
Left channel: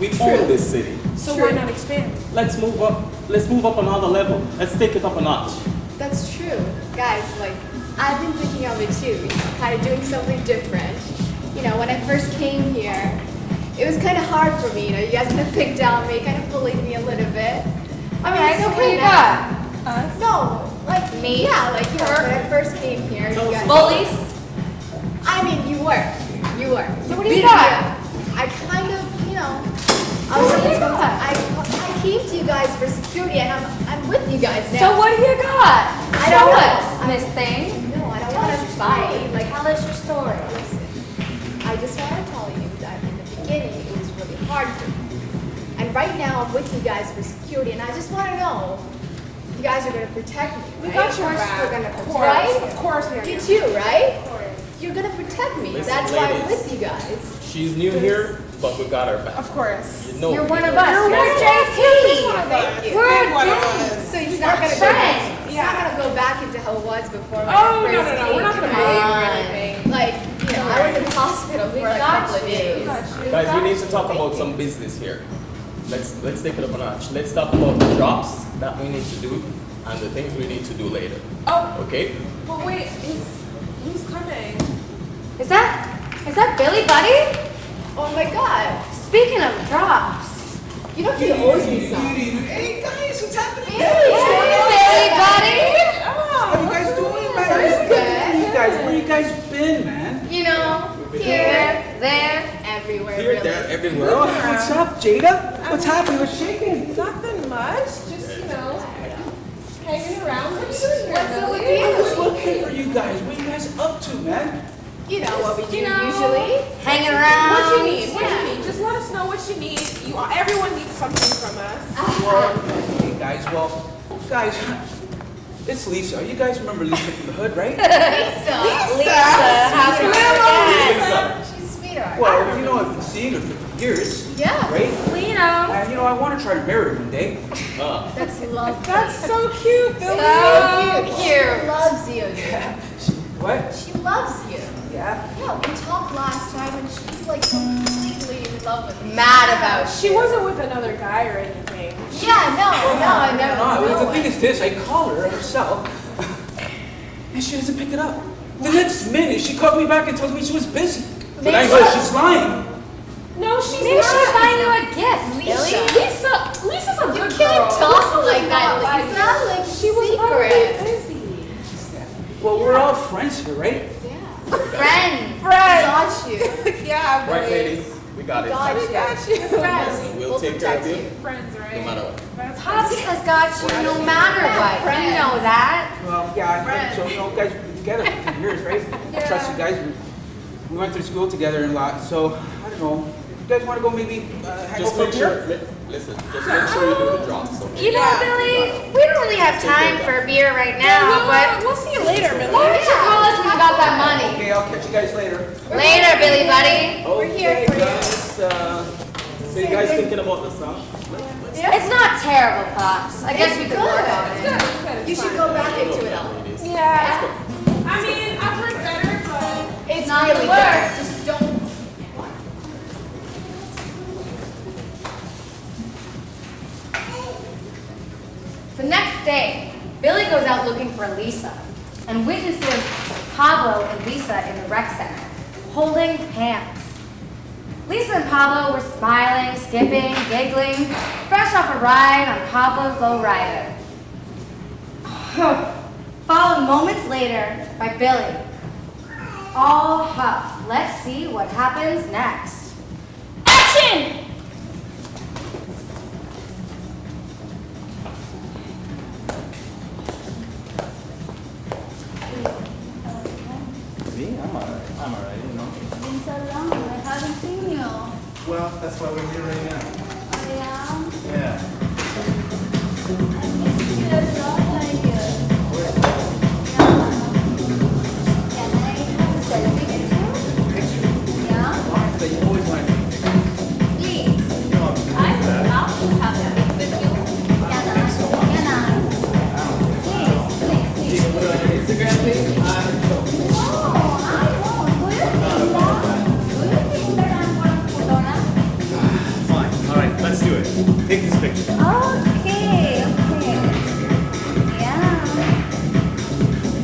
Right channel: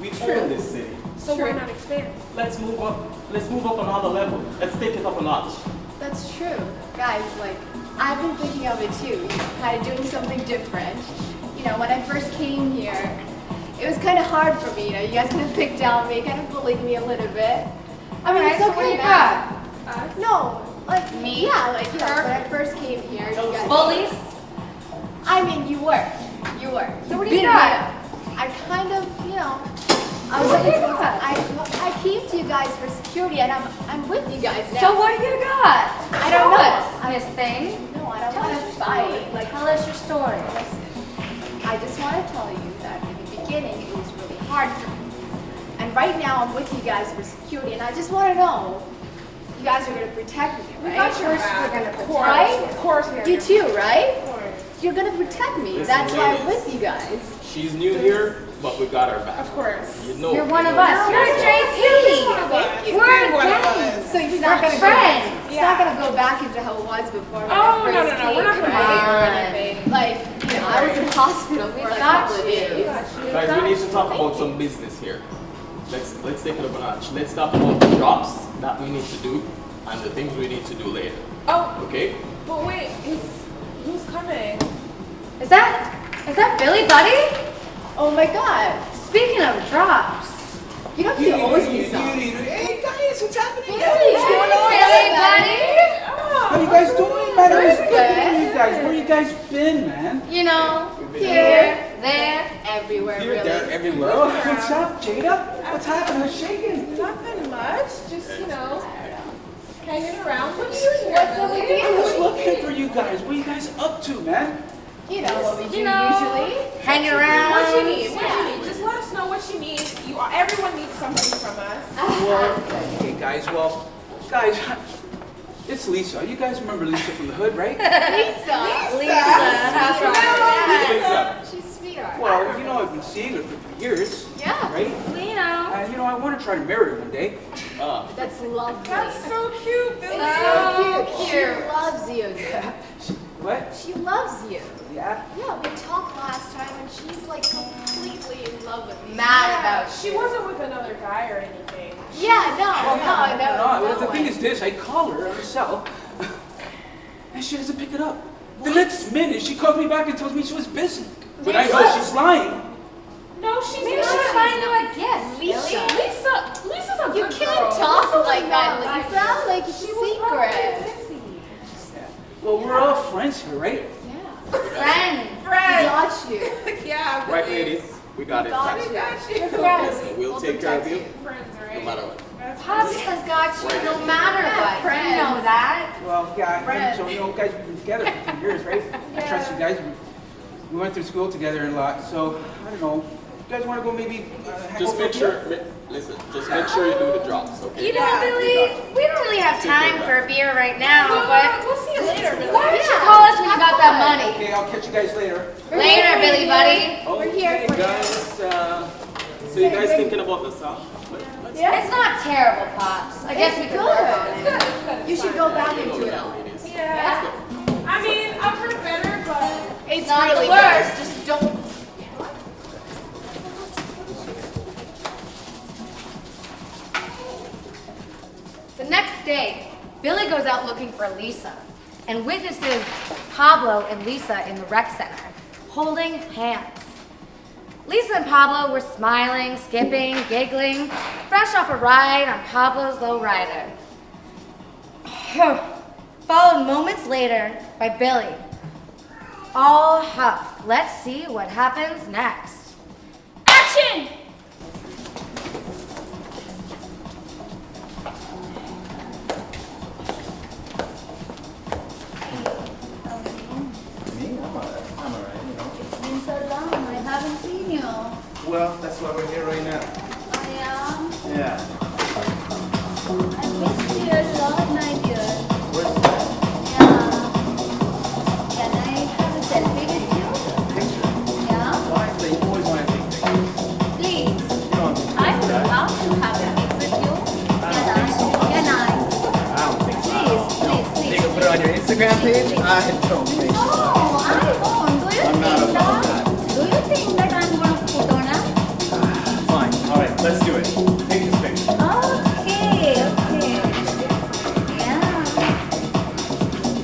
We own this city. So why not expand? Let's move up. Let's move up another level. Let's take it up a notch. That's true. Guys, like, I've been thinking of it too, kind of doing something different. You know, when I first came here, it was kind of hard for me, you know, you guys kind of picked on me, kind of bullied me a little bit. I mean, it's okay now. No, like, Me? yeah, like, yeah, when I first came here, you guys. Bullies? I mean, you were. You were. So what do you got? I kind of, you know, I was I came to you guys for security, and I'm with you guys now. So what do you got? I don't Show know. us, Miss Thing. No, I don't want to fight. Like, Tell us your story. listen, I just want to tell you that in the beginning it was really hard for me. And right now I'm with you guys for security, and I just want to know you guys are going to protect me, We right? got your back. We're going to Of protect, course, right? of course we have You your too, right? Of course. You're going to protect me. Listen, That's why I'm ladies. with you guys. She's new here, but we got her back. Of course. You know, You're one of you know. us. You're You're JP. Thank you. We're Big one of gang. us. So he's not going to friends. He's not going to go back into how it was before. when I Oh, no, first no, no. came, We're not going to right? bully you or anything. Like, you know, I was in hospital for like a couple of days. Guys, we need to talk about some business here. Let's take it up a notch. Let's talk about the drops that we need to do and the things we need to do later. Oh, Okay? but wait, who's coming? Is that Billy Buddy? Oh my God. Speaking of drops. You know he owes me some. Hey guys, what's happening? Hey, Billy Buddy. How you guys doing, man? I was thinking of you guys. Where you guys been, man? You know, here, there. Everywhere, Here, really. there, everywhere. Oh, what's up, Jada? What's happening? What's shaking? Nothing much. Just, hanging around. What are you doing here? What's up with Billy? I was you? looking for you guys. What are you guys up to, man? You know what we do You know. usually. Hanging around. What you need? What do you need? Just let us know what you need. Everyone needs something from us. Well, okay, guys. Well, guys, it's Lisa. You guys remember Lisa from the hood, right? Lisa. How's your Lisa. She's sweetheart. Well, I've been seeing her for years, Yeah. right? Lino. And, I want to try to marry her one day. That's lovely. That's so cute, Billy. So She cute. loves you. What? She loves you. Yeah? Yeah, we talked last time and she's like completely in love with me. Mad about She wasn't with another guy or anything. Yeah, no, I never. No, no the thing way. is this, I call her on her cell, and she doesn't pick it up. The next minute, she calls me back and tells me she was busy. But I know she's lying. No, she's Maybe not. she's buying you a gift. Lisa. Lisa's a You good can't girl. talk Lisa's like that, not Lisa. Like She was probably secret. busy. Well, we're all friends here, right? Yeah. Friend. Got you. Yeah, Right, Billy. ladies? We got it. Got We you. got you. Friends. We'll take care of protect you. Friends, right? no matter what. That's Pops friends. has got you no matter what. friends. You know that. Well, yeah, I think so. Guys, we've been together for 10 years, right? I trust you guys. We went through school together and a lot, so, I don't know. guys want to go maybe hang Just over make here? sure, listen, just make sure you do the drops, okay? You know what, Billy? We don't really have time for a beer right now, but We'll see you later, Billy. why don't you call us when you got that money? Okay, I'll catch you guys later. Later, Billy buddy. Okay, guys, so you guys thinking about the song? It's not terrible, Pops. I guess we could work on it. You should go back into it all. Yeah. I mean, I've heard better, but It's Not really the good. worst. Just don't. The next day, Billy goes out looking for Lisa and witnesses Pablo and Lisa in the rec center, holding hands. Lisa and Pablo were smiling, skipping, giggling, fresh off a ride on Pablo's lowrider. Followed moments later by Billy. All huff. Let's see what happens next. Action! Me? I'm alright, you know. It's been so long, I haven't seen you. Well, that's why we're here right now. Oh, yeah? Yeah. I miss you a lot, my dear. Where's Yeah. Can I have a selfie with you? the picture? Yeah? Why? So you always want to take pictures. Please. You know, I would love to have a pic with you. Can I? Can I? I don't think so. Please, You can put it on your Instagram page? I don't think so. Oh, I won't. Do you I'm not think about that? that. Do you think that I'm going to put on a? Fine. Alright, let's do it. Take this picture. Okay. Yeah.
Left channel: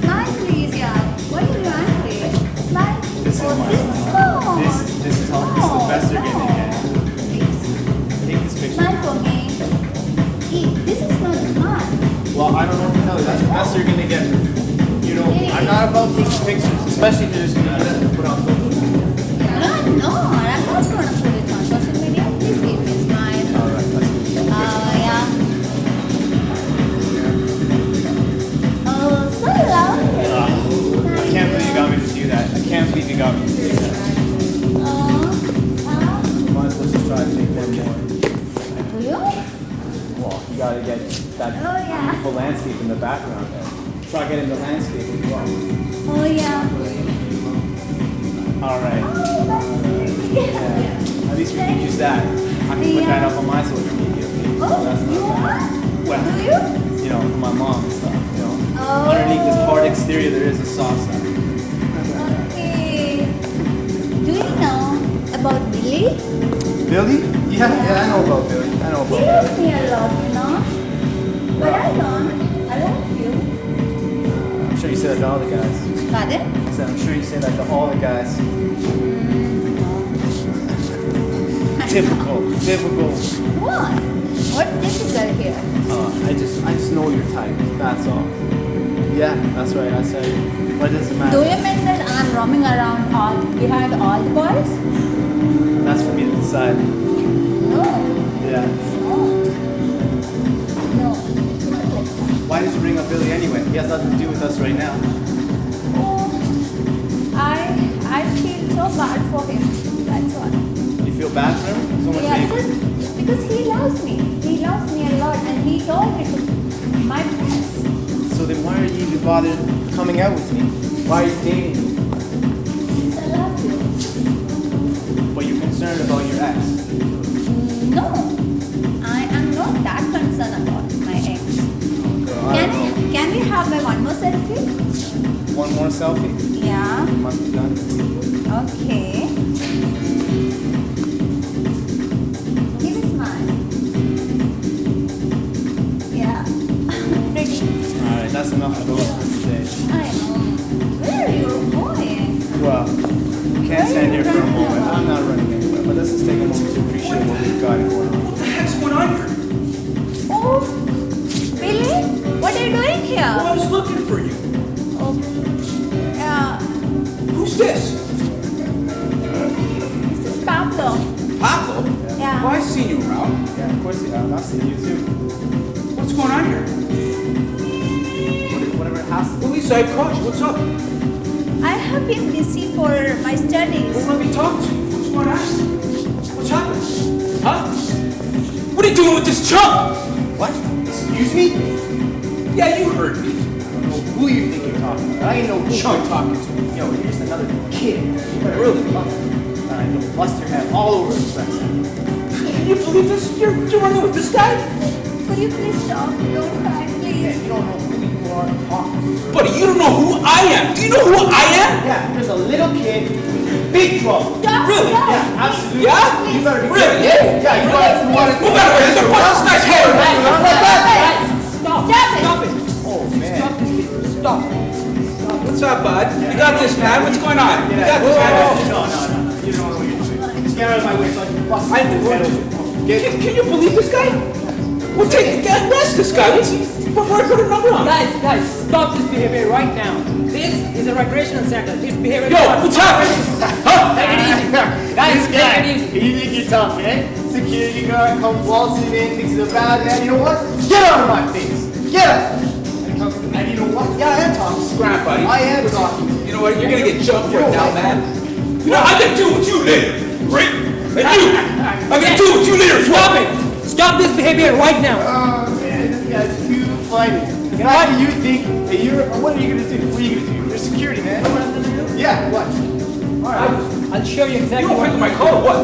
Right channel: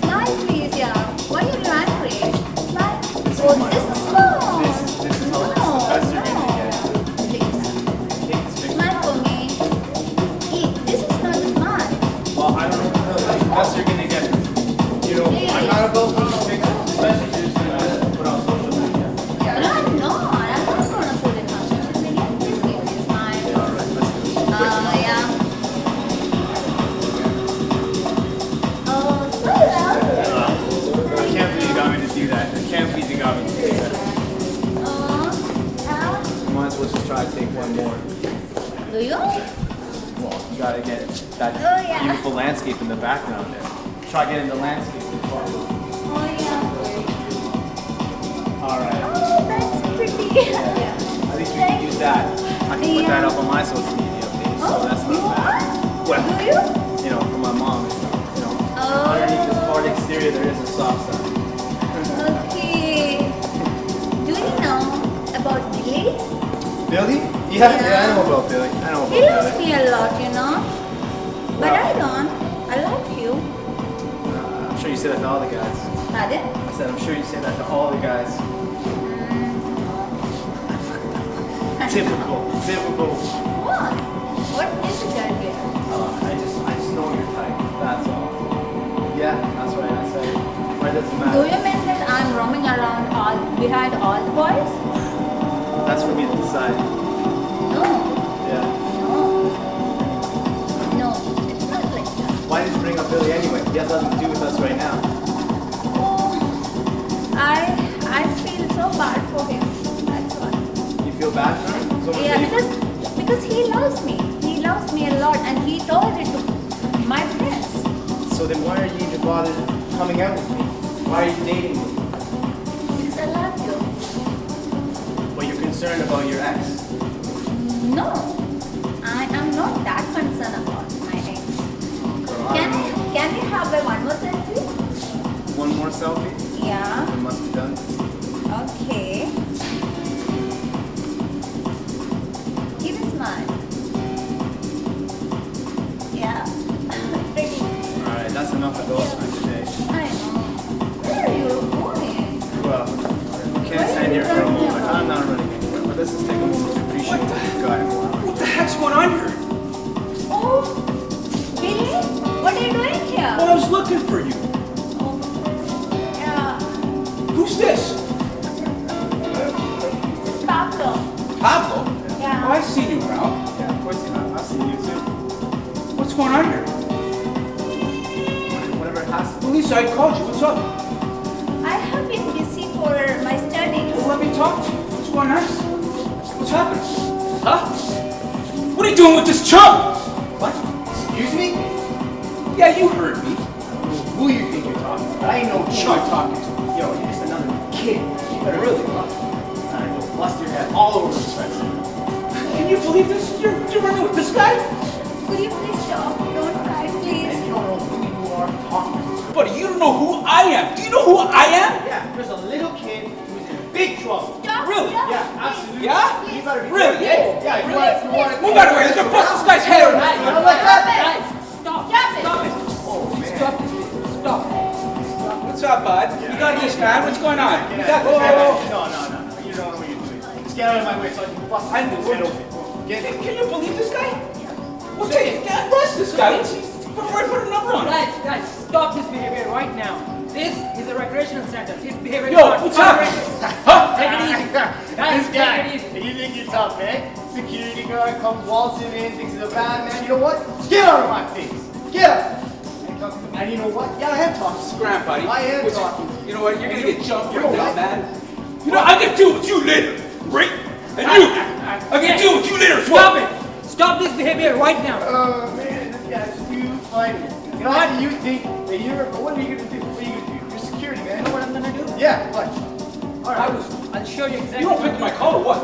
Smile, please, yeah. Why are you angry? Smile. Oh, this is small. This is how this is the best you're gonna get. Please. Take this picture. Smile for me. This is not a smile. Well, I don't know what to tell you. That's the best you're gonna get. You know, I'm not about taking pictures, especially if you're just gonna put on social media. No, I'm not going to put it on social media. Please give me a smile. Alright, let's do it. Yeah. Oh, so lovely. I can't believe you got me to do that. I can't believe you got me to do that. Might as well just try to take one more. Do you? Well, you gotta get that yeah. beautiful landscape in the background there. Try getting the landscape as well. Oh, yeah. Alright. Oh, that's pretty. Yeah. At least we can use that. I can put that up on my social media page. So that's you not bad. are? Well, Do you? you know, for my mom and stuff, you know. Oh. Underneath this hard exterior there is a soft side. Okay. Do you know about Billy? Billy? Yeah, I know about Billy. I know He about loves Billy. me a lot, you know. But I don't. I love you. I'm sure you say that to all the guys. Pardon? I said, I'm sure you say that to all the guys. Typical. What? What's difficult here? I just know your type. That's all. Yeah, that's right. I say that doesn't matter. Do you mean that I'm roaming around behind all the boys? That's for getting inside. No. Yeah. No, it's not like that. Why did you bring up Billy anyway? He has nothing to do with us right now. I feel so bad for him. That's why. You feel bad for him? So much Yeah, that because he loves me. He loves me a lot, and he told it to my friends. So then why are you even bothered coming out with me? Why are you dating me? Because I love you. But you're concerned about your ex. No, I am not that concerned about my ex. Can we have one more selfie? One more selfie? Yeah. It must be done. Okay. Give a smile. Yeah. Pretty. Alright, that's enough of those for today. I know. Where are you going? Well, we can't stand here for a moment. I'm not running anywhere, but let's just take a moment to appreciate what we've got in front of us. What the heck's going on here? Oh, Billy? What are you doing here? Well, I was looking for you. Oh, Who's this? this is Pablo. Pablo? Yeah. Oh, I've seen you around. Yeah, of course you have. I've seen you too. What's going on here? Whatever it has to be. Lisa, I called you. What's up? I have been busy for my studies. Well, let me talk to you. What's going on? What's happening? huh? What are you doing with this chump? What? Excuse me? Yeah, you heard me. I don't know who you think you're talking to. I ain't no chump talking to you. Yo, you're just another kid. You better really love it. And I will bust your head all over the place. Can you believe this? You're running with this guy? Will you please stop? Don't cry, please. And you don't know who you are talking to. Buddy, you don't know who I am. Do you know who I am? Yeah, there's a little kid with big trouble. Stop, Really? stop. Yeah, absolutely. Yeah? You better be Really? careful. Yeah, you want to. Move out of here. This is bust this guy's head. Stop it. Oh, man. Stop this kid. Stop. What's up, bud? You got this, man. What's going on? You got this, man. No. You don't know what you're doing. Just get out of my way so I can bust I his head open. Can you believe this guy? We'll arrest this guy. Before I put a number on him. Guys, stop this behavior right now. This is a recreational center. This behavior Yo, what's happening? Huh? Take it easy. Guys, take it easy. You think you're tough, eh? Security guard comes waltzing in, thinks he's a bad man. You know what? Get out of my face. Get up. And you know what? Yeah, I am talking. Scrap, buddy. I am talking. You know what? You're gonna get jumped You right know now, what? man. You know, I'm gonna do it with you later, right? And you, I'm gonna do it with you later as well. Stop it. Stop this behavior right now. Oh, man, this guy's too funny. And why do you think that you're... What are you going to do? What are you going to do? You're security, man. What am I going to do? Yeah, what? All right. I'll show you You exactly don't what. pick up my call or what?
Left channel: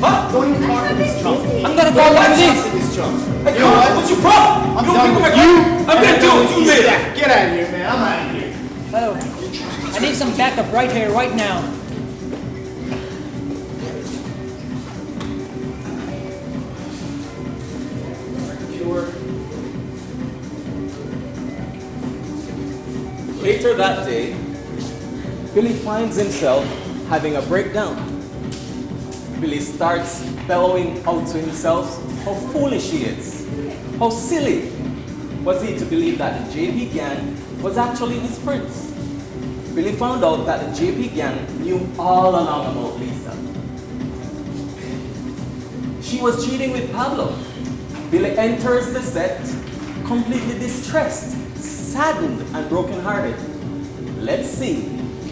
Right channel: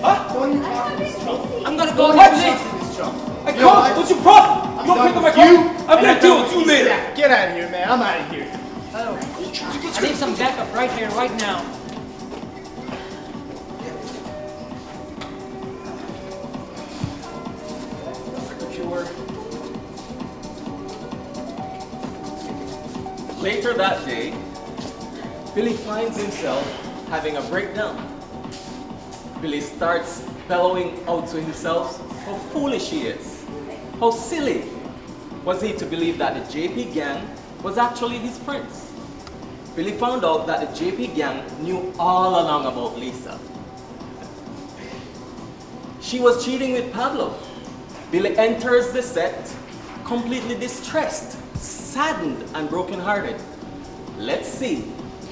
Huh? Don't even talk to this chump. I'm gonna call the police. This chump. Hey, You know come what? on, what's your problem? I'm You don't done pick up my with call? you. I'm gonna do it with you later. Yeah, get out of here, man. I'm out of here. Hello. I need some backup right here, right now. Later that day, Billy finds himself having a breakdown. Billy starts bellowing out to himself how foolish he is, how silly was he to believe that the JP gang was actually his friends. Billy found out that the JP gang knew all along about Lisa. She was cheating with Pablo. Billy enters the set completely distressed, saddened, and brokenhearted. Let's see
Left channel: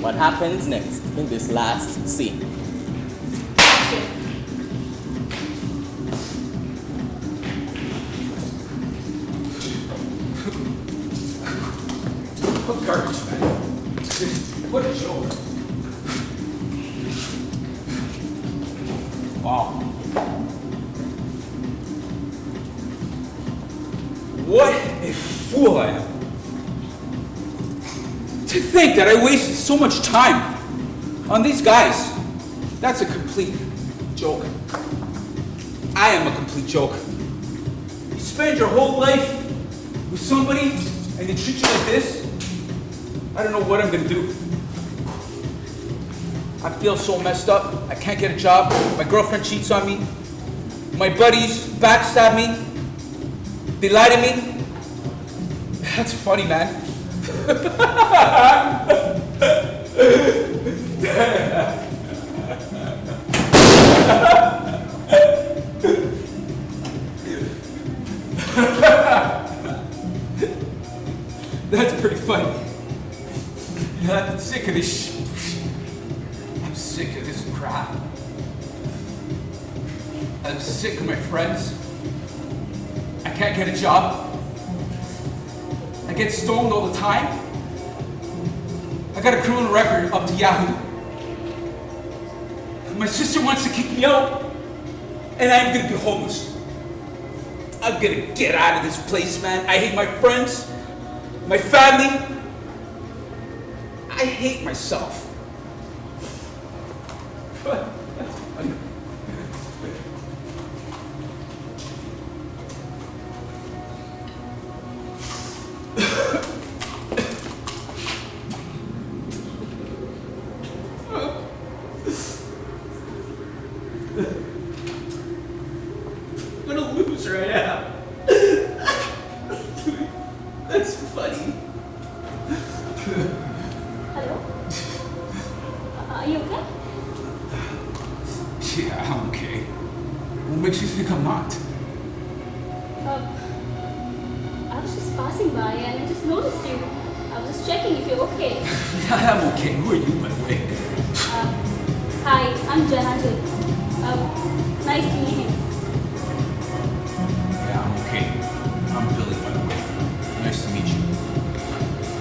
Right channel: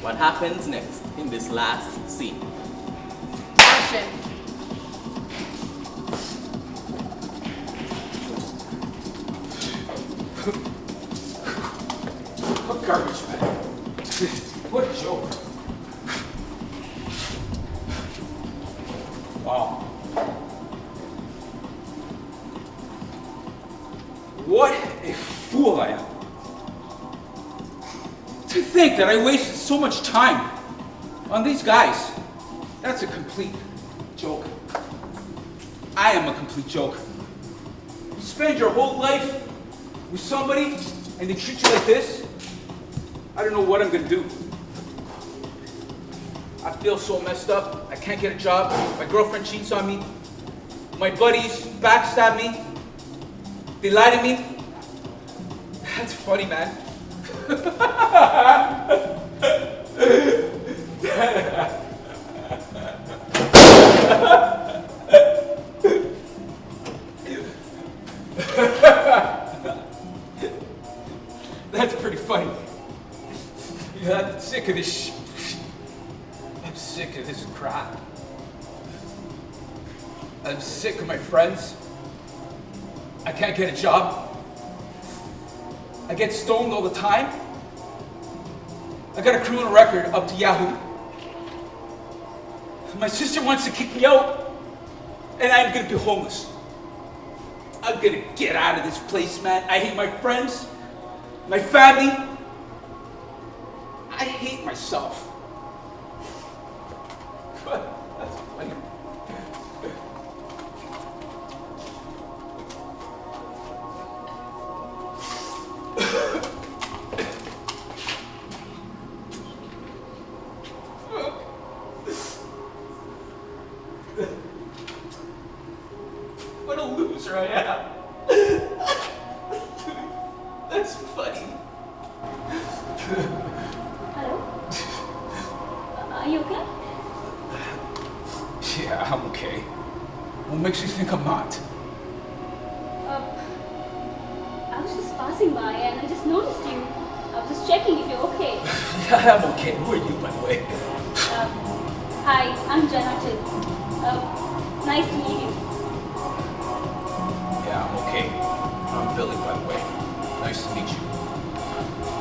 what happens next in this last scene. What garbage, man. What a joke. Wow. What a fool I am. To think that I wasted so much time on these guys. That's a complete joke. I am a complete joke. You spend your whole life with somebody and they treat you like this? I don't know what I'm gonna do. I feel so messed up. I can't get a job. My girlfriend cheats on me. My buddies backstab me. They lie to me. That's funny, man. That's pretty funny. You know, I'm sick of this I'm sick of this crap. I'm sick of my friends. I can't get a job. I get stoned all the time. I got a criminal record up to Yahoo. My sister wants to kick me out, and I'm gonna be homeless. I'm gonna get out of this place, man. I hate my friends, my family. I hate myself. That's funny. What a loser I am. That's funny. Hello? Are you okay? Yeah, I'm okay. What makes you think I'm not? I was just passing by and I just noticed you. I was just checking if you're okay. Yeah, I'm okay. Who are you, by the way? Hi, I'm Janardan. Nice to meet you.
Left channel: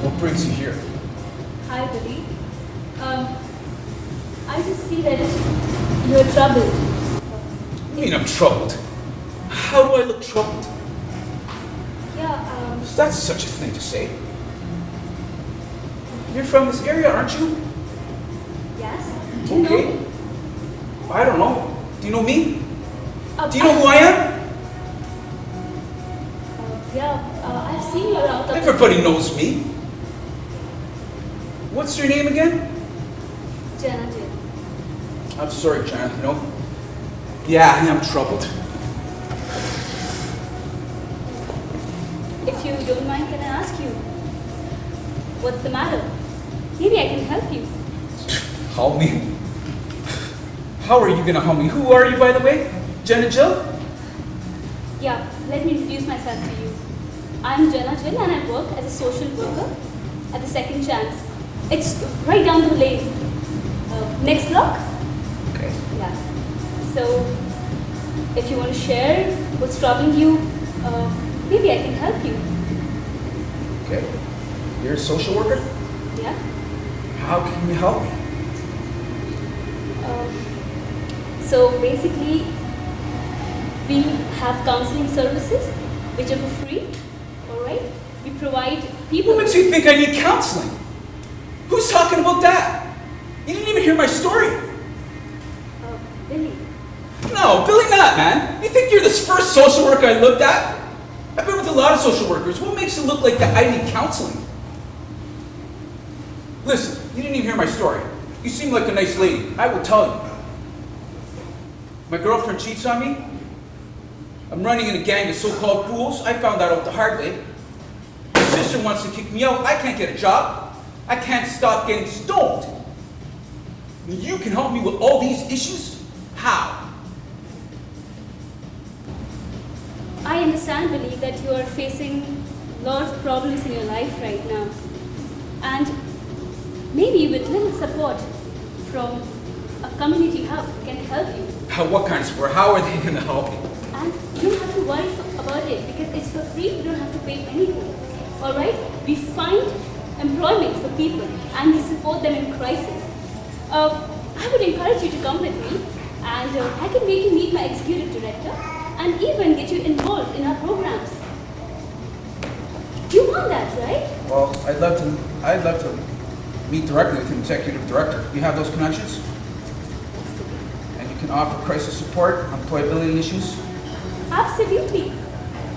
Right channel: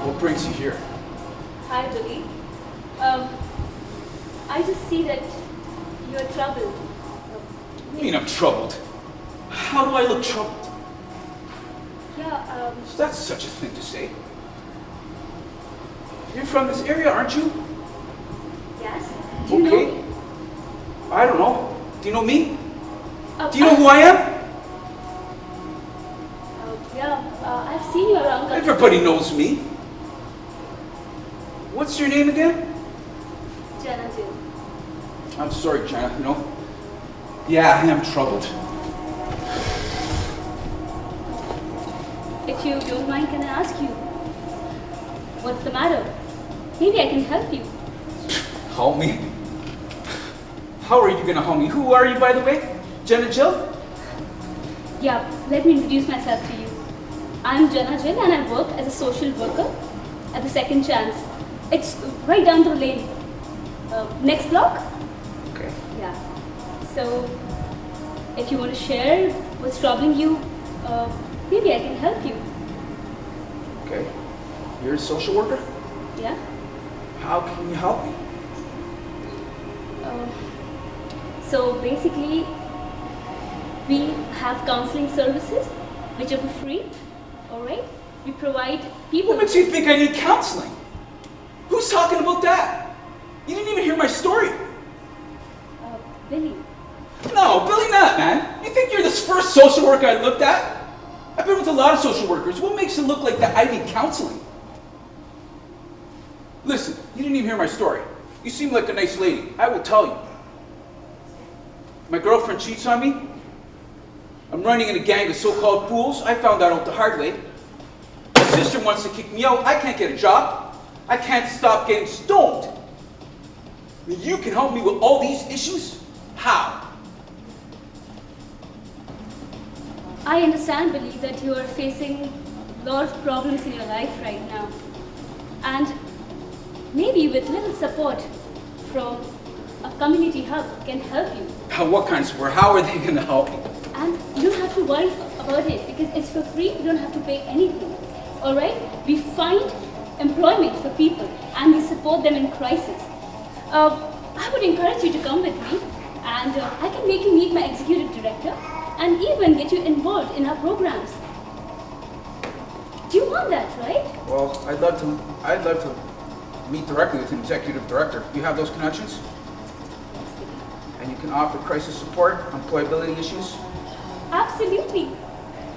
What brings you here? Hi, Billy. I just see that you're troubled. I mean, I'm troubled. How do I look troubled? Yeah, That's such a thing to say. You're from this area, aren't you? yes. Do you know Okay. me? I don't know. Do you know me? Oh, Do you know who I am? Yeah, I've seen you around. Everybody knows me. What's your name again? Jenna, dear. I'm sorry, Jenna, you know. Yeah, I am troubled. If you don't mind, can I ask you, what's the matter? Maybe I can help you. Help me? How are you gonna help me? Who are you, by the way? Jenna Jill? Yeah, let me introduce myself to you. I'm Jenna Jill and I work as a social worker at the Second Chance. It's right down the lane. Next block? Okay. Yeah. So, if you want to share what's troubling you, maybe I can help you. Okay. You're a social worker? Yeah? How can you help me? So basically, we have counseling services which are for free, alright? We provide people. What makes you think I need counseling? Who's talking about that? You didn't even hear my story. Billy. No, Billy not, man. You think you're this first social worker I looked at? I've been with a lot of social workers. What makes it look like that I need counseling? Listen, you didn't even hear my story. You seem like a nice lady. I will tell you. My girlfriend cheats on me. I'm running in a gang of so-called fools. I found that out the hard way. My sister wants to kick me out. I can't get a job. I can't stop getting stoned. And you can help me with all these issues? How? I understand, Billy, that you are facing a lot of problems in your life right now. And maybe with little support from a community hub can help you. What kind of support? How are they going to help me? And you don't have to worry about it because it's for free. You don't have to pay anything. Alright? We find employment for people and we support them in crisis. I would encourage you to come with me and I can make you meet my executive director and even get you involved in our programs. You want that, right? Well, I'd love to meet directly with an executive director. You have those connections? And you can offer crisis support, employability issues? Absolutely.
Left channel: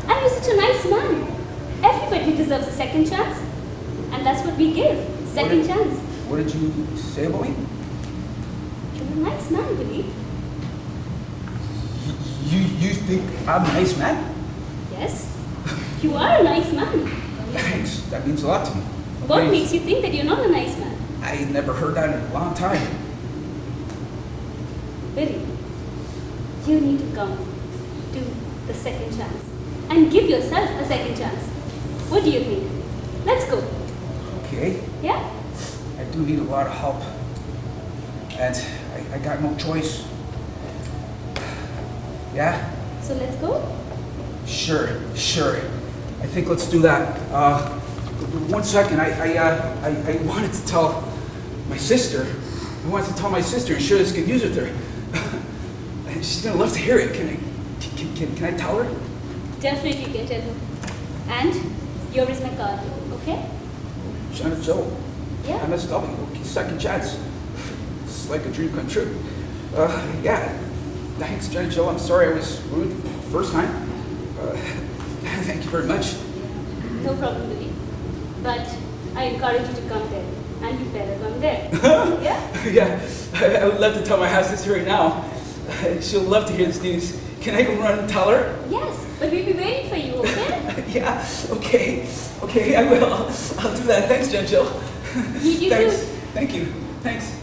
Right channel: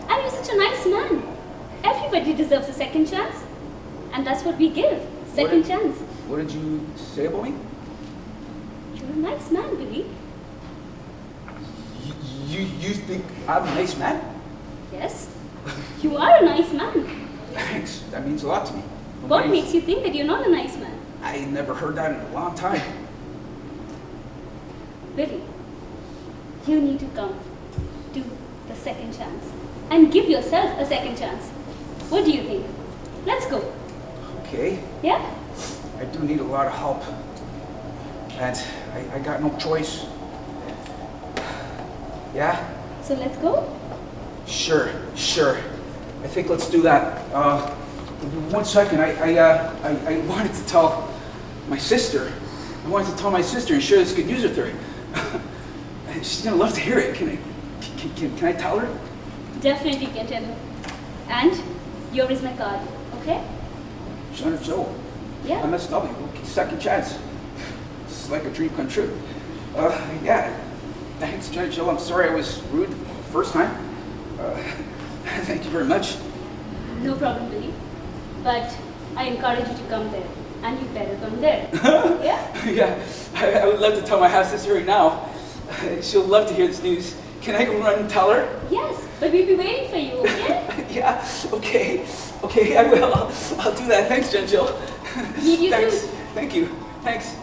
And you're such a nice man. Everybody deserves a second chance. And that's what we give. Second chance. What did you say about me? You're a nice man, Billy. You think I'm a nice man? Yes. You are a nice man. Thanks. That means a lot to me. What makes you think that you're not a nice man? I never heard that in a long time. Billy, you need to come to the second chance and give yourself a second chance. What do you think? Let's go. Okay. Yeah? I do need a lot of help. And I got no choice. Yeah? So let's go? Sure. I think let's do that. 1 second, I wanted to tell my sister. I wanted to tell my sister and share this good news with her. And she's gonna love to hear it. Can I tell her? Definitely can tell her. And here is my card, okay? Jenna Jill. Yeah. MSW. Okay, second chance. It's like a dream come true. Yeah. Thanks, Jenna Jill. I'm sorry I was rude the first time. Thank you very much. No problem, Billy. But I encourage you to come there. And you better come there. Yeah? Yeah. I would love to tell my half sister right now. She'll love to hear this news. Can I go run and tell her? Yes, but we'll be waiting for you, okay? Yeah, okay. Okay, I will. I'll do that. Thanks, Jen Jill. Meet you Thanks. soon. Thank you. Thanks.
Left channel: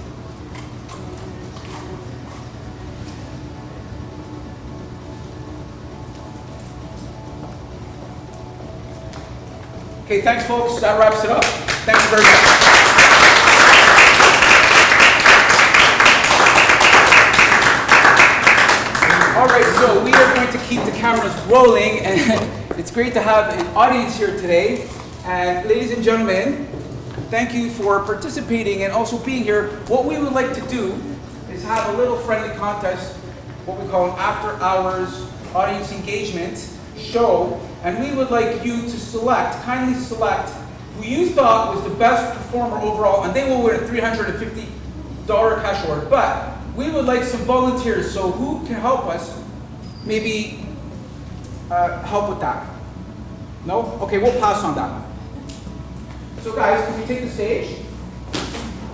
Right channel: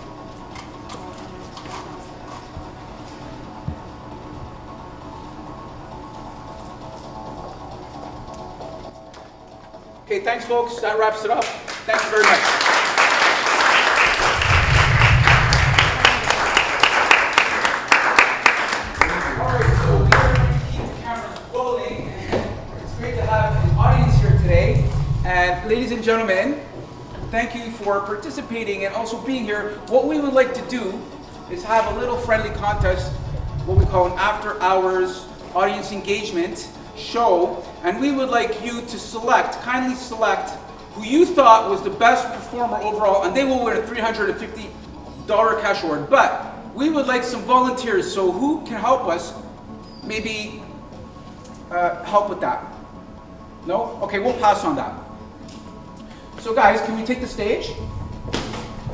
Okay, thanks, folks. That wraps it up. Thank you very much. All right, so we are going to keep the cameras rolling, and it's great to have an audience here today. And ladies and gentlemen, Thank you for participating and also being here. What we would like to do is have a little friendly contest, what we call an after-hours audience engagement show, and we would like you to kindly select who you thought was the best performer overall, and they will win a $350 cash award. But we would like some volunteers, so who can help us maybe help with that? No? Okay, we'll pass on that. So guys, can we take the stage?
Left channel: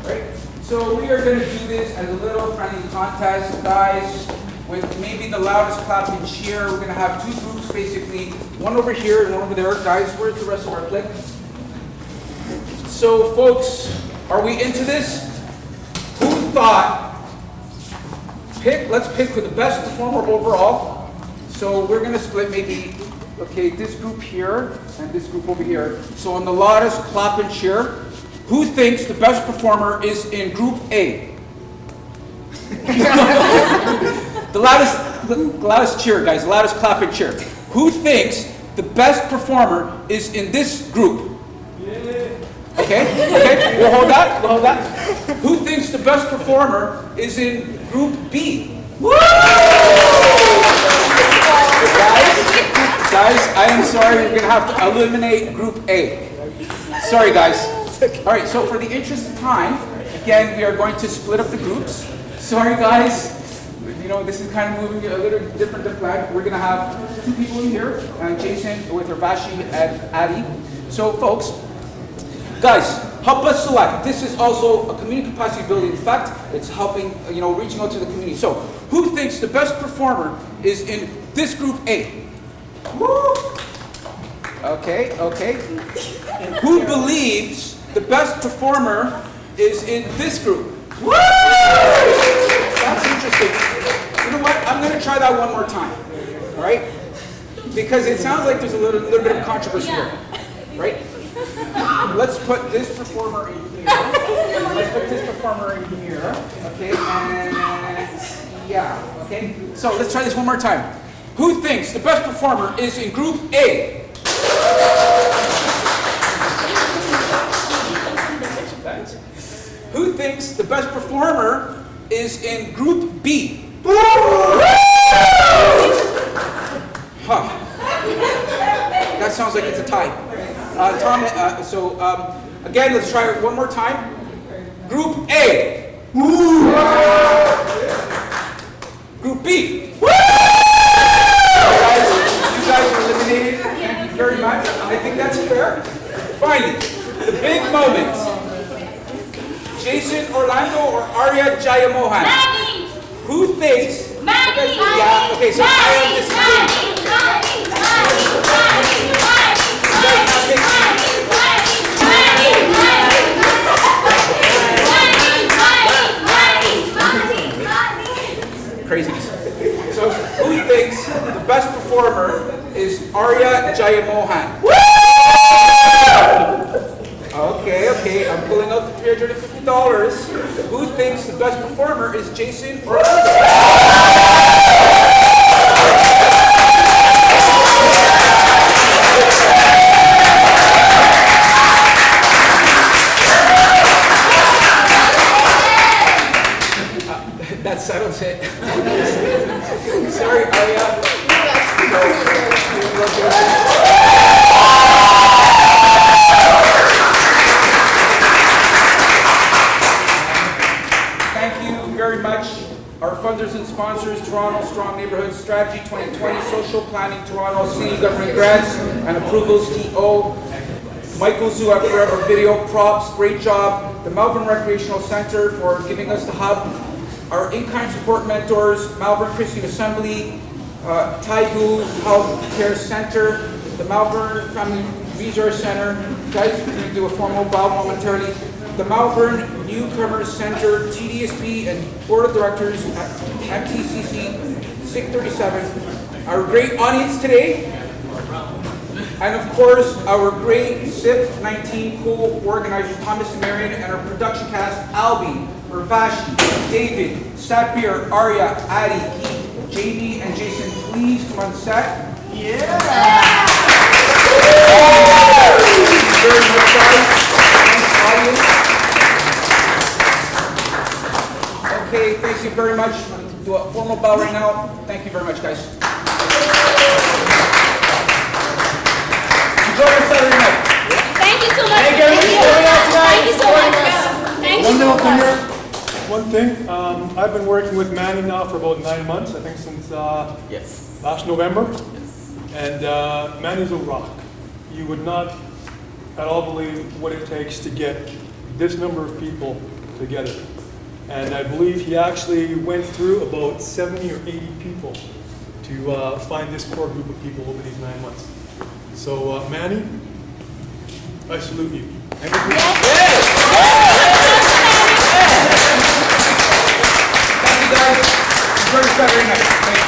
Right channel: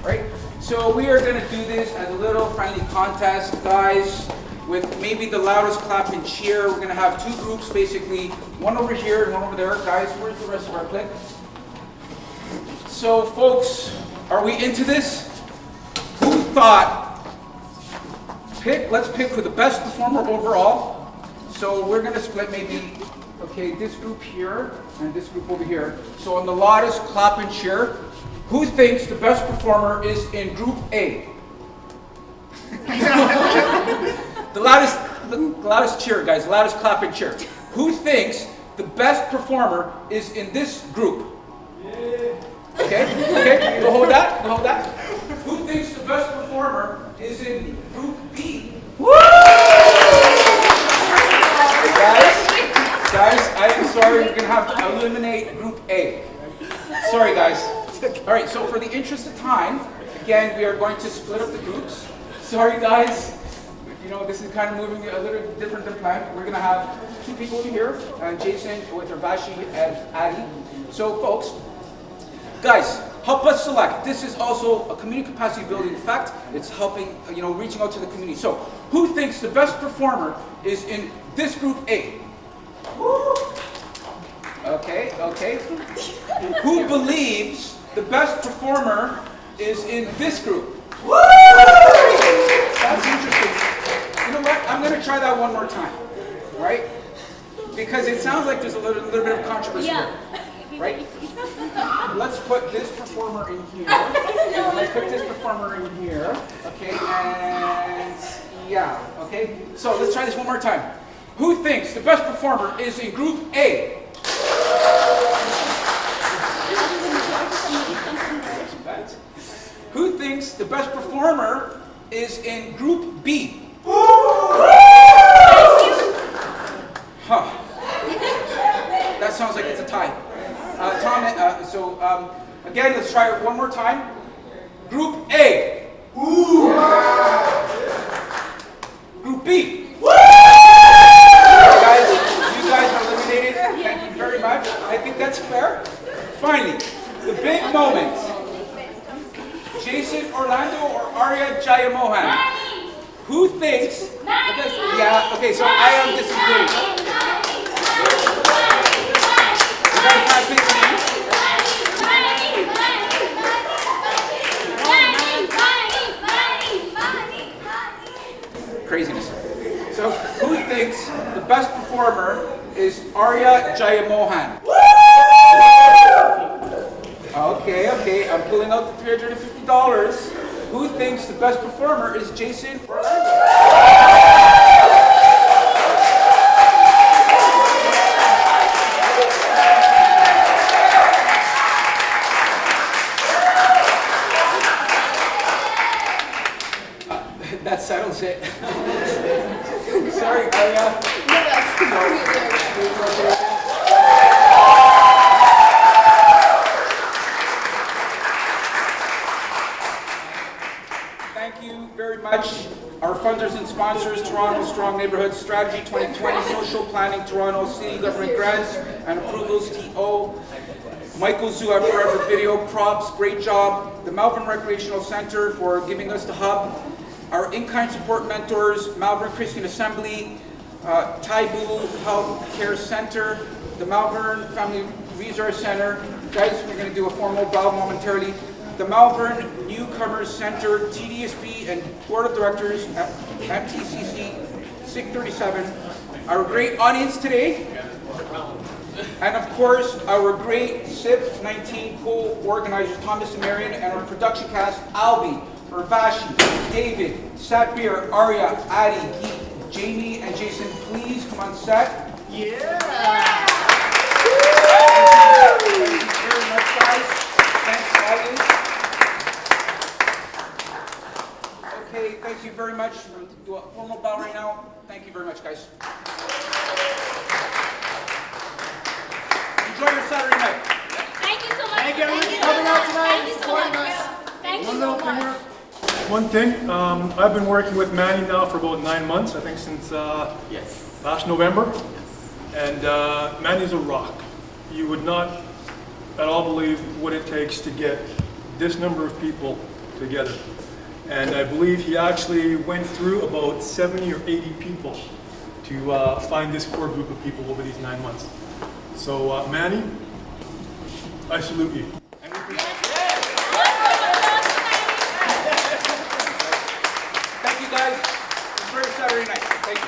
Right? So we are going to do this as a little friendly contest, guys, with maybe the loudest clap and cheer. We're going to have two groups, basically, one over here and one over there. Guys, where's the rest of our clique? So folks, are we into this? Who thought, let's pick for the best performer overall. So we're going to split maybe, okay, this group here and this group over here. So on the loudest clap and cheer, who thinks the best performer is in group A? The loudest cheer, guys, the loudest clap and cheer. Who thinks the best performer is in this group? Okay, we'll hold that, Who thinks the best performer is in group B? Woo! Guys, I am sorry, we're gonna have to eliminate group A. Sorry, guys. All right, so for the interest of time, again, we are going to split up the groups. Sorry, guys. You know, this is kind of moving a little different than planned. We're gonna have two people in here, Jason with Ravashi and Adi. So, folks, guys, help us select. This is also a community capacity building. In fact, it's helping, reaching out to the community. So, who thinks the best performer is in this group A? Woo! Okay. Who believes the best performer is in this group? Woo! That's interesting. You know what? I'm going to try that one more time. All right? Because it sounds like there's a little bit of controversy here. Right? Let's put this performer in here. Let's put this performer in here. Okay, and yeah. Okay, so let's try this one more time. Who thinks the best performer is in group A? Who thinks the best performer is in group B? Huh. That sounds like it's a tie. Tom, again, let's try it one more time. Group A. Group B. You guys are eliminated. Thank you very much. I think that's fair. Finally, the big moment. Jason Orlando or Arya Jayamohan? Maddie! Who thinks? Maddie! Yeah, okay, so I am disagreeing. Craziness. So who thinks the best performer is Arya Jayamohan? Okay, I'm pulling out the $350. Who thinks the best performer is Jason or that settles it. Sorry, Arya. Thank you very much. Our funders and sponsors, Toronto Strong Neighborhood Strategy 2020, Social Planning Toronto, City Government Grants and Approvals TO, Michael Zhu at Forever Video, Props, great job. The Malvern Recreational Center for giving us the hub. Our in-kind support mentors, Malvern Christian Assembly, Taigu Health Care Center, the Malvern Family Resource Center. Guys, we're going to do a formal bow momentarily. The Malvern Newcomers Center, TDSB, and Board of Directors at MTCC 637. Our great audience today, and of course, our great SIP19 co-organizers, Thomas and Marion, and our production cast, Albie, Ravashi, David, Sapir, Arya, Adi, Geet, Jamie, and Jason. Please come on set. Yeah! Thank you very much, guys. Thanks, audience. you very much. Do a formal bow right now. Thank you very much, guys. Enjoy your Saturday night. Thank you so much. Thank you, everybody. Thank you so much. Thank you One so little thing much. here. One thing. I've been working with Manny now for about 9 months. I think since last November. And Manny's a rock. You would not at all believe what it takes to get this number of people together. And I believe he actually went through about 70 or 80 people to find this core group of people over these 9 months. So Manny, I salute you. Thank you. Thank you, guys. Enjoy your Saturday night. Thank you.